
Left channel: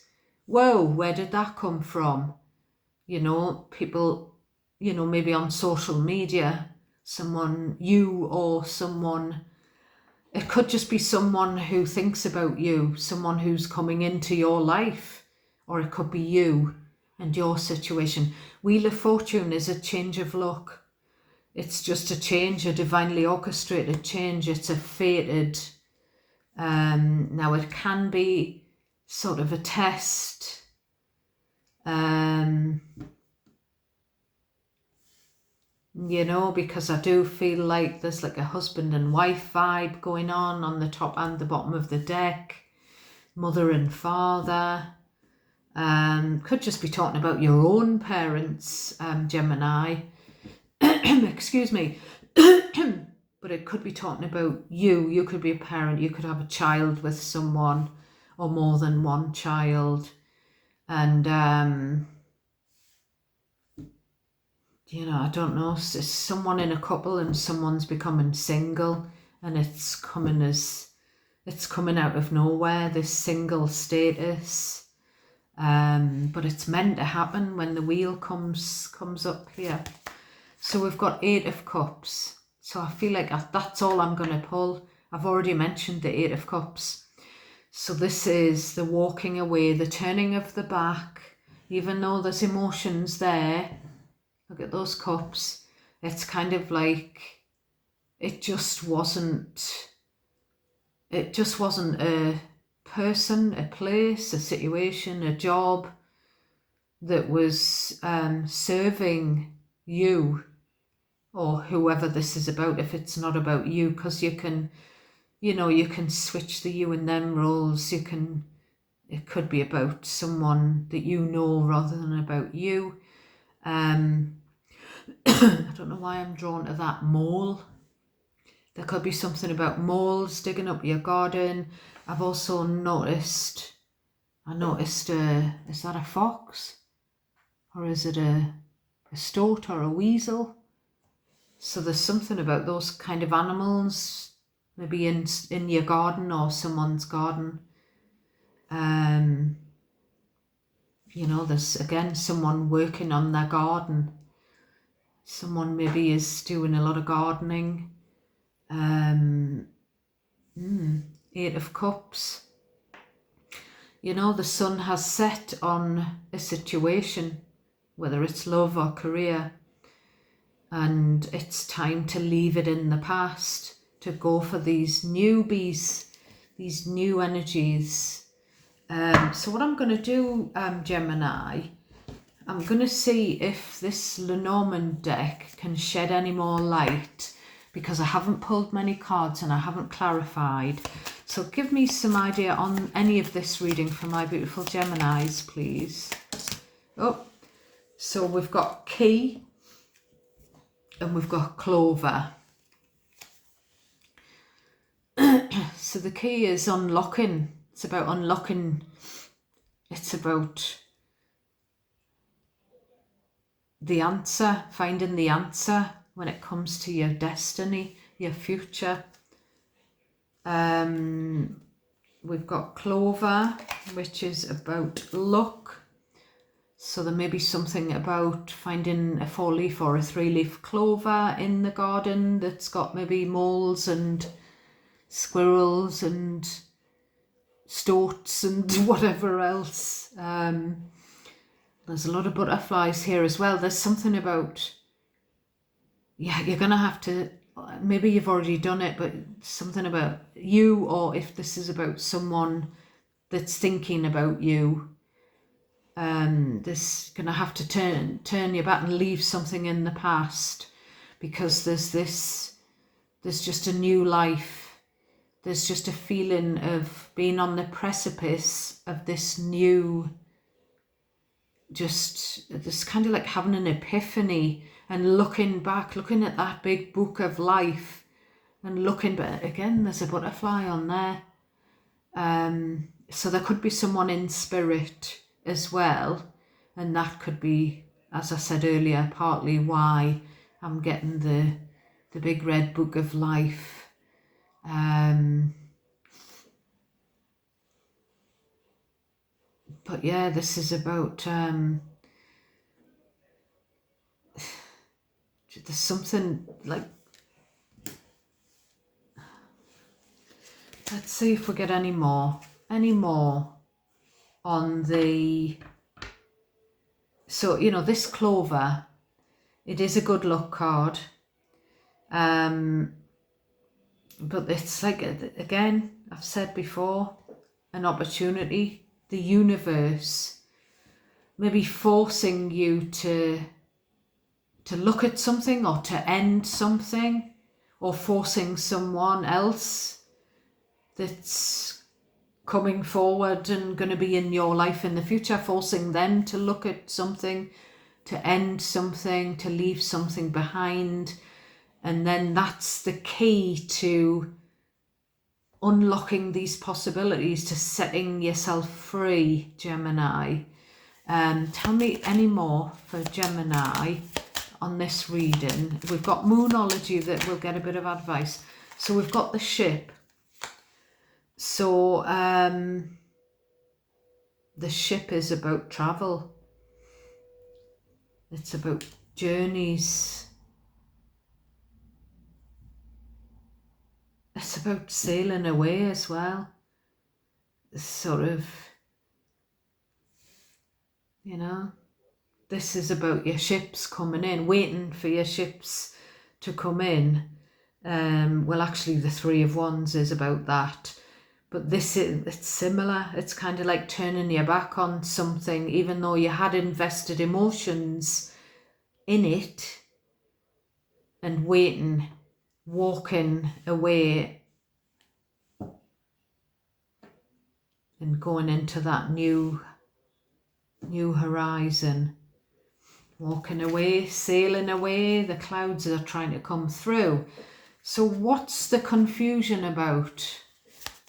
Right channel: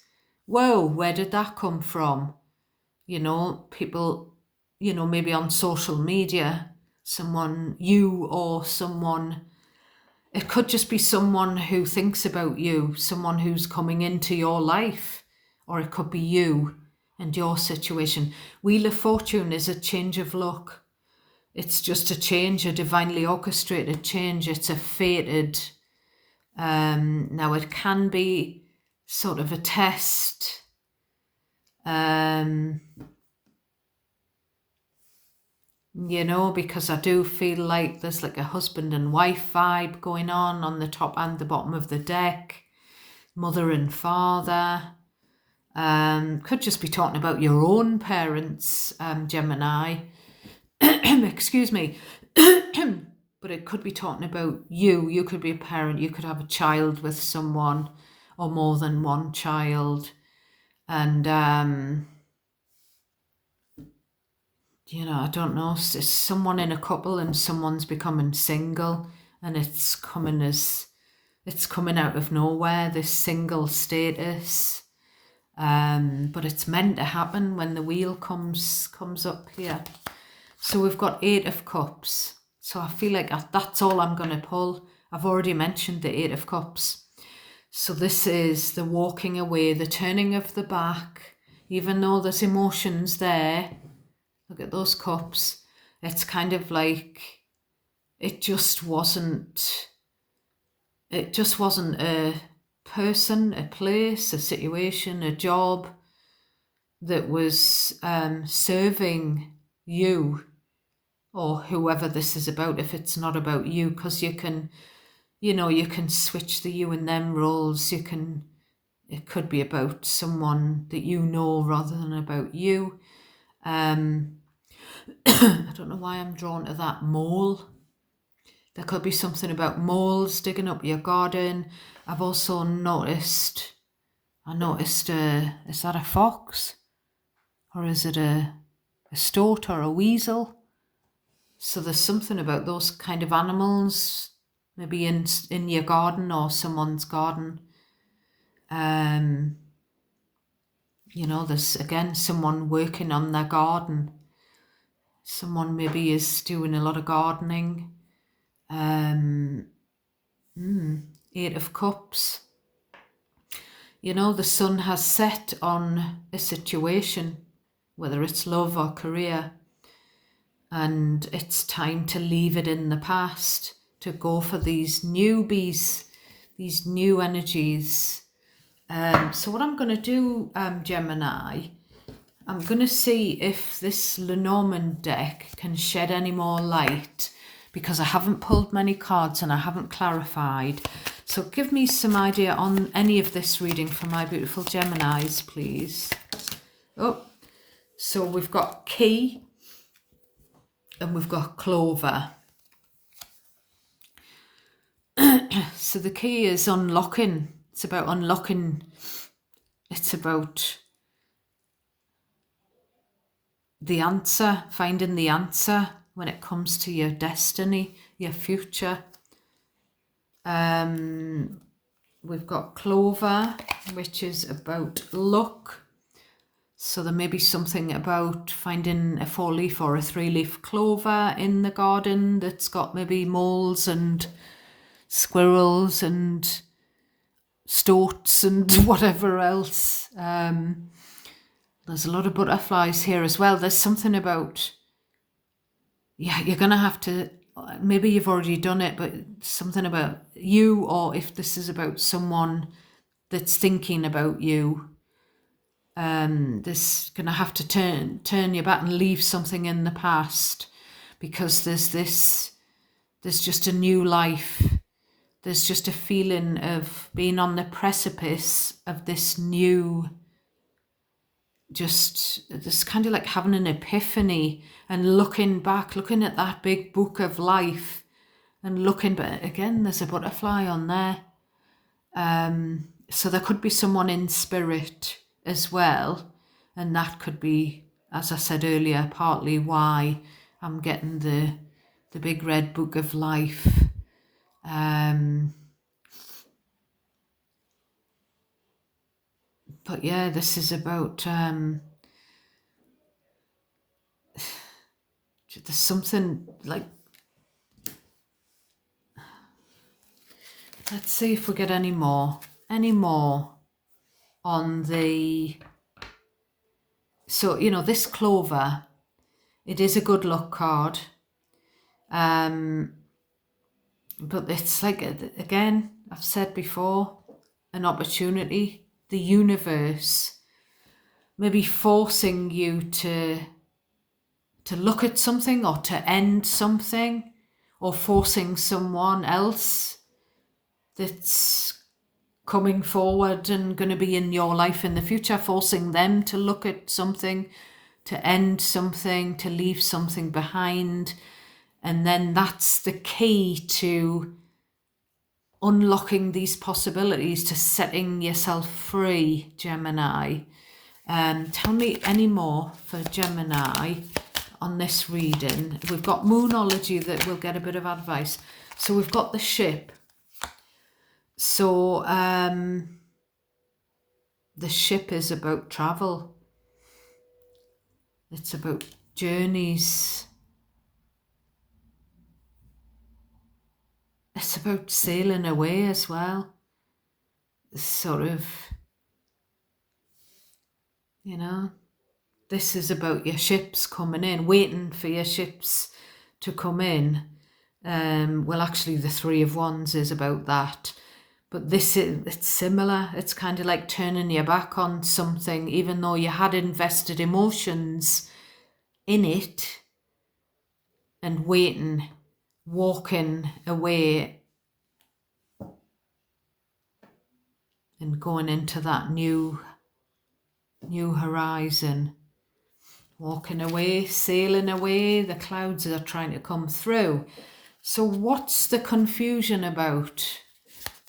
whoa, where did that come from? People, maybe on social media, it could just be someone who thinks about you, someone who's coming into your life, or it could be you and your situation. Wheel of Fortune is a change of luck. It's just a change, a divinely orchestrated change. It's a fated. Now it can be sort of a test. Because I do feel like there's like a husband and wife vibe going on the top and the bottom of the deck. Mother and father. Could just be talking about your own parents, Gemini. Excuse me. But it could be talking about you. You could be a parent. You could have a child with someone, or more than one child. And, I don't know, it's someone in a couple and someone's becoming single, and it's coming out of nowhere, this single status. But it's meant to happen when the wheel comes up here. So we've got 8 of Cups. So I feel like that's all I'm going to pull. I've already mentioned the 8 of Cups. So this is the walking away, the turning of the back. Even though there's emotions there, look at those cups. It's kind of like it just wasn't a person, a place, a situation, a job that was serving you, or whoever this is about, if it's not about you, because you can switch the you and them roles. It could be about someone that you know rather than about you. I don't know why I'm drawn to that mole. There could be something about moles digging up your garden. I've also noticed, is that a fox? Or is it a stoat or a weasel? So there's something about those kind of animals, maybe in your garden or someone's garden. There's again someone working on their garden. Someone maybe is doing a lot of gardening. 8 of Cups. The sun has set on a situation, whether it's love or career, and it's time to leave it in the past, to go for these newbies, these new energies. So what I'm going to do, Gemini, I'm going to see if this Lenormand deck can shed any more light, because I haven't pulled many cards and I haven't clarified. So give me some idea on any of this reading for my beautiful Geminis, please. Oh, so we've got key and we've got clover. So the key is unlocking. It's about unlocking. It's about the answer, finding the answer when it comes to your destiny, your future. We've got clover, which is about luck. So there may be something about finding a 4-leaf or a 3-leaf clover in the garden that's got maybe moles and squirrels and stoats and whatever else. There's a lot of butterflies here as well. There's something about, you're going to have to, maybe you've already done it, but something about you, or if this is about someone that's thinking about you, this going to have to turn your back and leave something in the past, because there's just a new life there's just a feeling of being on the precipice of this new, just this kind of like having an epiphany and looking back, looking at that big book of life and looking, but again, there's a butterfly on there. So there could be someone in spirit as well. And that could be, as I said earlier, partly why I'm getting the big red book of life. But yeah, this is about, there's something like, let's see if we get any more on the, so, you know, this clover, it is a good luck card. But it's like, again, I've said before, an opportunity, the universe maybe forcing you to look at something or to end something, or forcing someone else that's coming forward and going to be in your life in the future, forcing them to look at something, to end something, to leave something behind. And then that's the key to unlocking these possibilities, to setting yourself free, Gemini. Tell me any more for Gemini on this reading. We've got Moonology that will get a bit of advice. So we've got the ship. So the ship is about travel. It's about journeys. It's about sailing away as well. Sort of, you know, this is about your ships coming in, waiting for your ships to come in. Well, actually, the Three of Wands is about that. But this is, it's similar. It's kind of like turning your back on something, even though you had invested emotions in it, and waiting, walking away and going into that new horizon. Walking away, sailing away, the clouds are trying to come through. So what's the confusion about?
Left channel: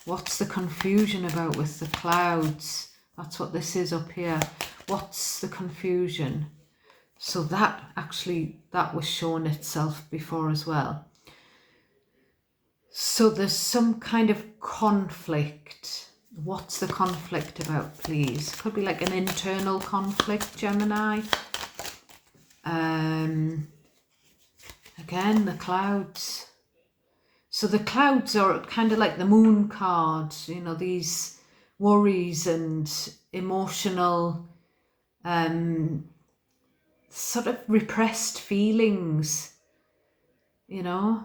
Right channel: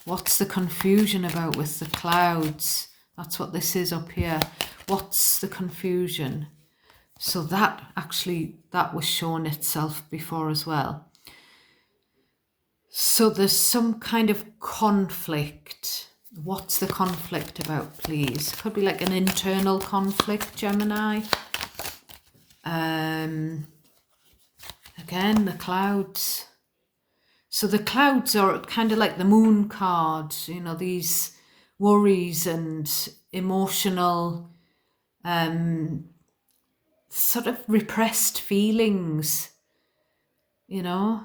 What's the confusion about with the clouds? That's what this is up here. What's the confusion? So that actually, that was shown itself before as well. So there's some kind of conflict. What's the conflict about, please? Could be like an internal conflict, Gemini. Again, the clouds. So the clouds are kind of like the moon card, you know, these worries and emotional, sort of repressed feelings, you know.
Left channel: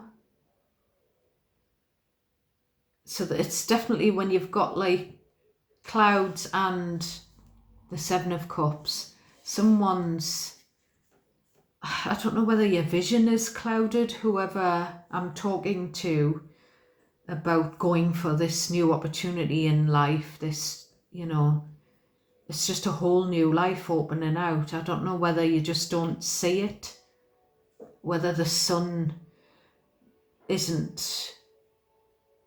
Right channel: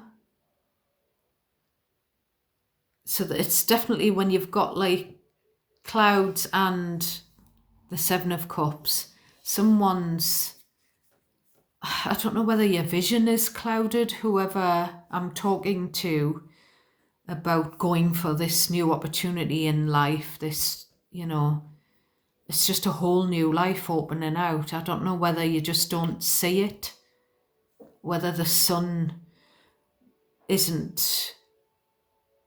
So that it's definitely when you've got like clouds and the Seven of Cups, someone's, I don't know whether your vision is clouded, whoever I'm talking to, about going for this new opportunity in life, this, you know, it's just a whole new life opening out. I don't know whether you just don't see it, whether the sun isn't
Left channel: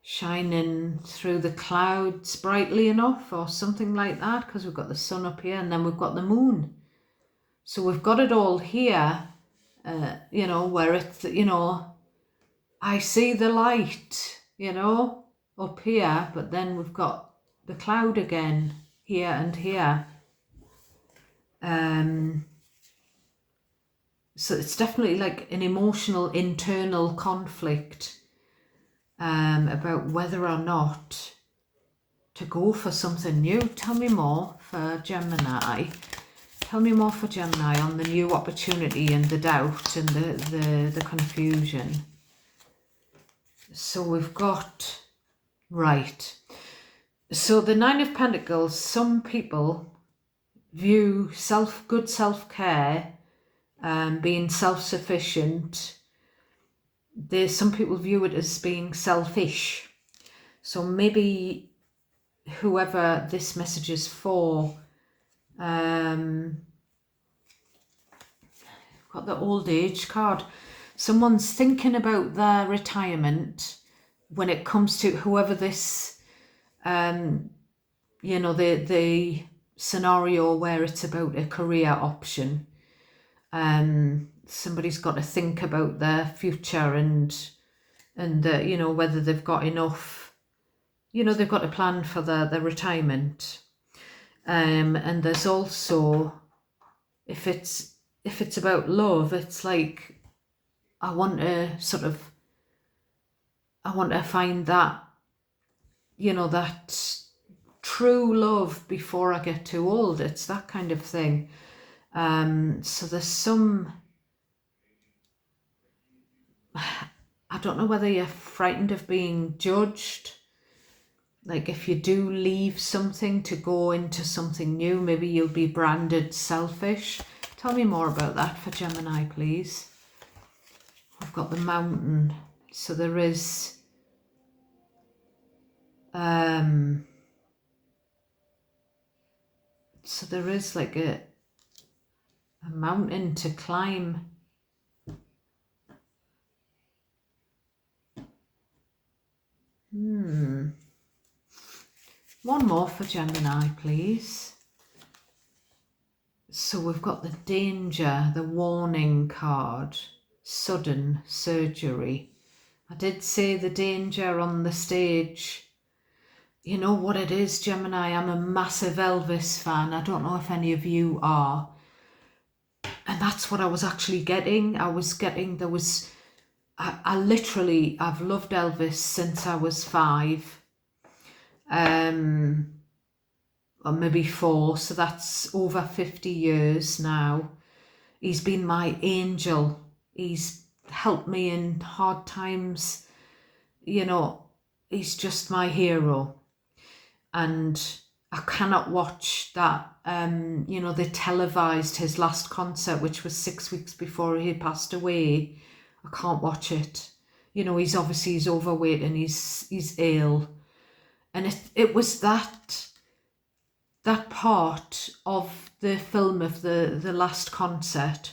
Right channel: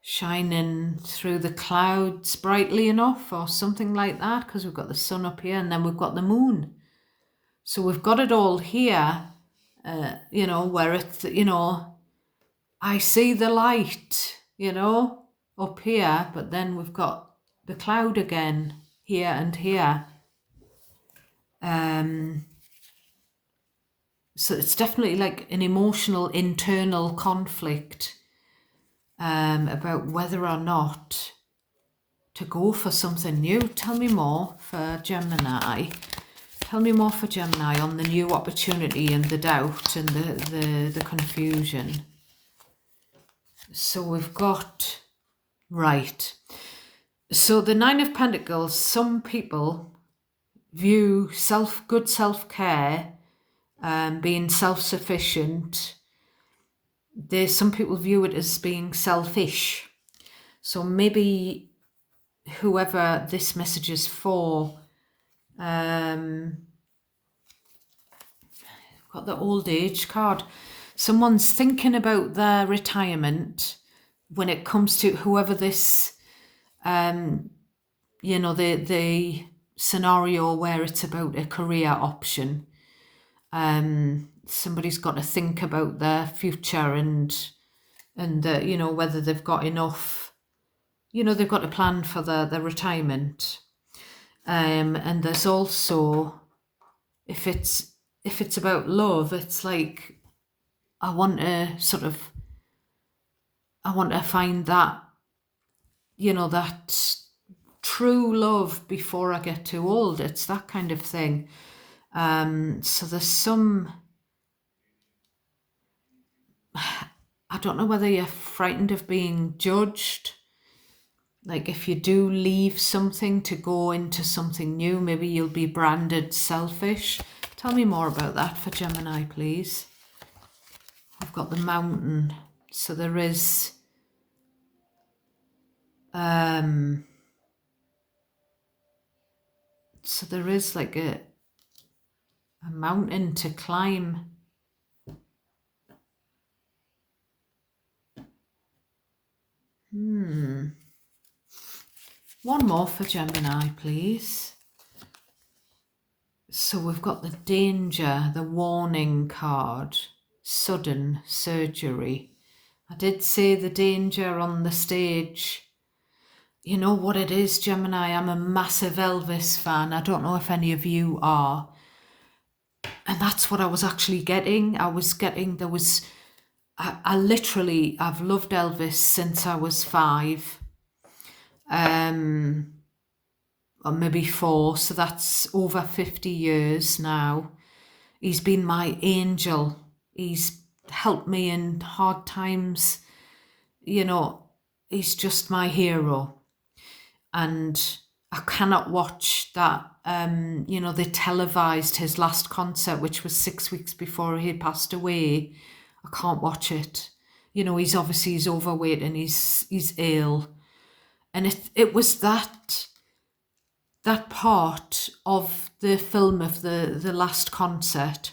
shining through the clouds brightly enough or something like that, because we've got the sun up here and then we've got the moon. So we've got it all here, you know, where it's, you know, I see the light, you know, up here, but then we've got the cloud again here and here. So it's definitely like an emotional internal conflict about whether or not to go for something new. Tell me more for Gemini. Tell me more for Gemini on the new opportunity and the doubt and the confusion. So we've got, right. So the Nine of Pentacles, some people view good self-care, being self-sufficient. Some people view it as being selfish. So maybe whoever this message is for, got the old age card. Someone's thinking about their retirement when it comes to whoever this, the scenario where it's about a career option. Somebody's got to think about their future and whether they've got enough, they've got to plan for their retirement. And there's also, if it's about love, it's like I want to find that, that true love before I get too old. It's that kind of thing. So there's some, I don't know whether you're frightened of being judged. Like if you do leave something to go into something new, maybe you'll be branded selfish. Tell me more about that for Gemini, please. I've got the mountain. So there is like a mountain to climb. One more for Gemini, please. So we've got the danger, the warning card, sudden surgery. I did say the danger on the stage. You know what it is, Gemini? I'm a massive Elvis fan. I don't know if any of you are. And that's what I was actually getting. I've loved Elvis since I was 5. Or maybe 4, so that's over 50 years now. He's been my angel. He's helped me in hard times. He's just my hero. And I cannot watch that, they televised his last concert, which was 6 weeks before he had passed away. I can't watch it. He's overweight and he's ill. And it was that part of the film of the last concert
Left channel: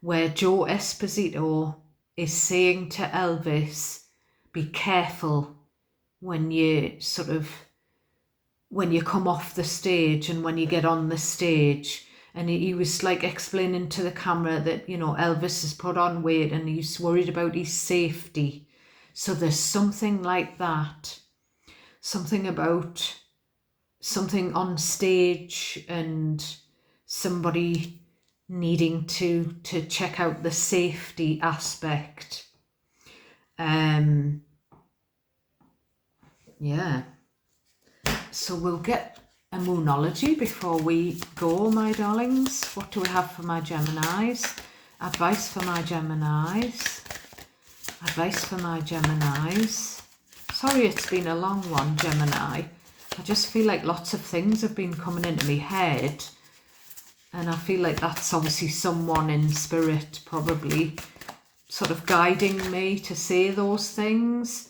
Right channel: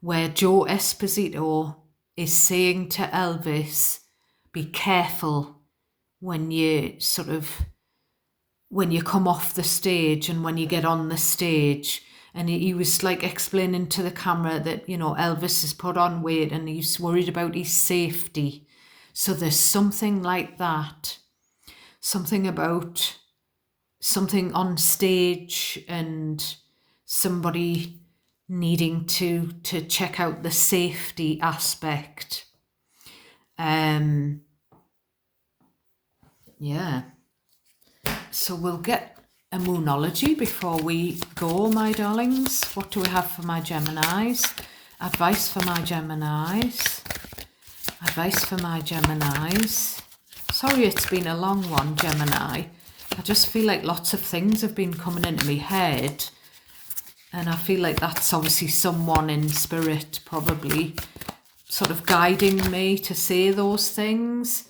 where Joe Esposito is saying to Elvis, be careful when you come off the stage and when you get on the stage. And he was like explaining to the camera that, Elvis has put on weight and he's worried about his safety. So there's something like that. Something about something on stage and somebody needing to check out the safety aspect. So we'll get a moonology before we go, my darlings. What do we have for my Geminis? Advice for my Geminis. Advice for my Geminis. Sorry it's been a long one, Gemini. I just feel like lots of things have been coming into my head. And I feel like that's obviously someone in spirit probably sort of guiding me to say those things.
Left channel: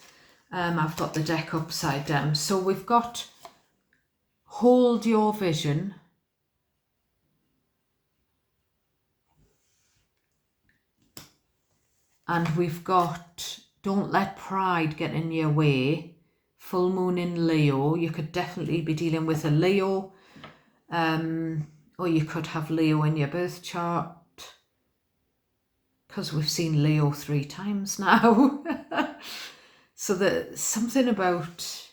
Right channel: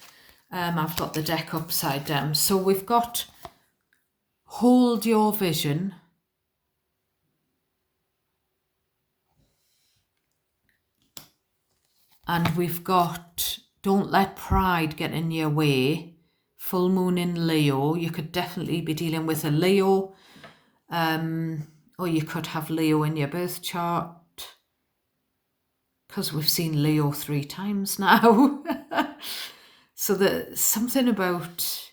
I've got the deck upside down. So we've got hold your vision. And we've got don't let pride get in your way. Full moon in Leo. You could definitely be dealing with a Leo. Or you could have Leo in your birth chart. Because we've seen Leo 3 times now. So there's something about...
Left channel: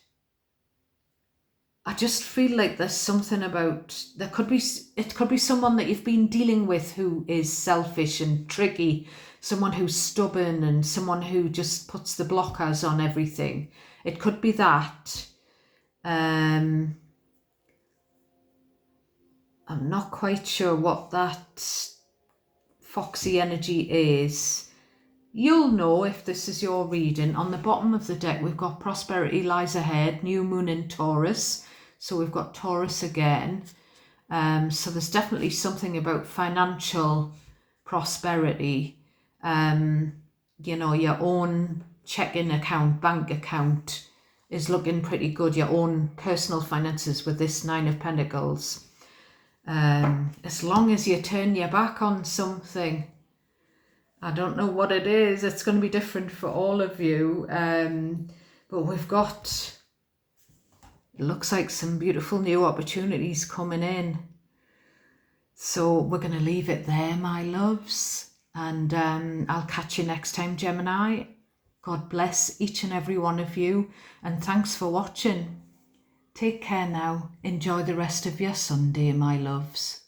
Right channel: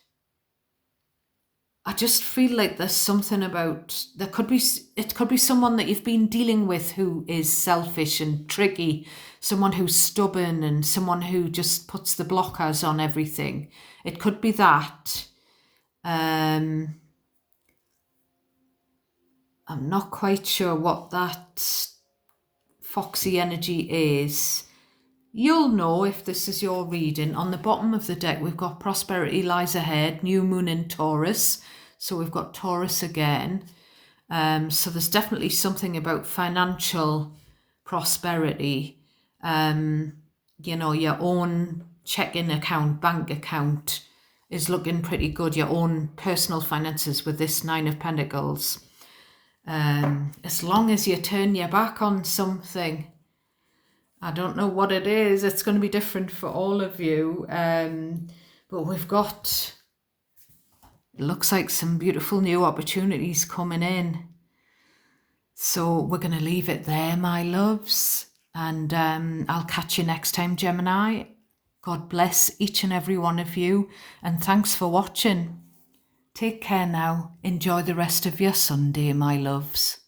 I just feel like there's something about... It could be someone that you've been dealing with who is selfish and tricky. Someone who's stubborn and someone who just puts the blockers on everything. It could be that. I'm not quite sure what that foxy energy is. You'll know if this is your reading. On the bottom of the deck, we've got prosperity lies ahead, new moon in Taurus. So we've got Taurus again. So there's definitely something about financial prosperity. Your own checking account, bank account is looking pretty good, your own personal finances with this Nine of Pentacles. As long as you turn your back on something, I don't know what it is, it's going to be different for all of you, but we've got, it looks like some beautiful new opportunities coming in. So we're going to leave it there, my loves, and I'll catch you next time, Gemini. God bless each and every one of you, and thanks for watching. Take care now. Enjoy the rest of your Sunday, my loves.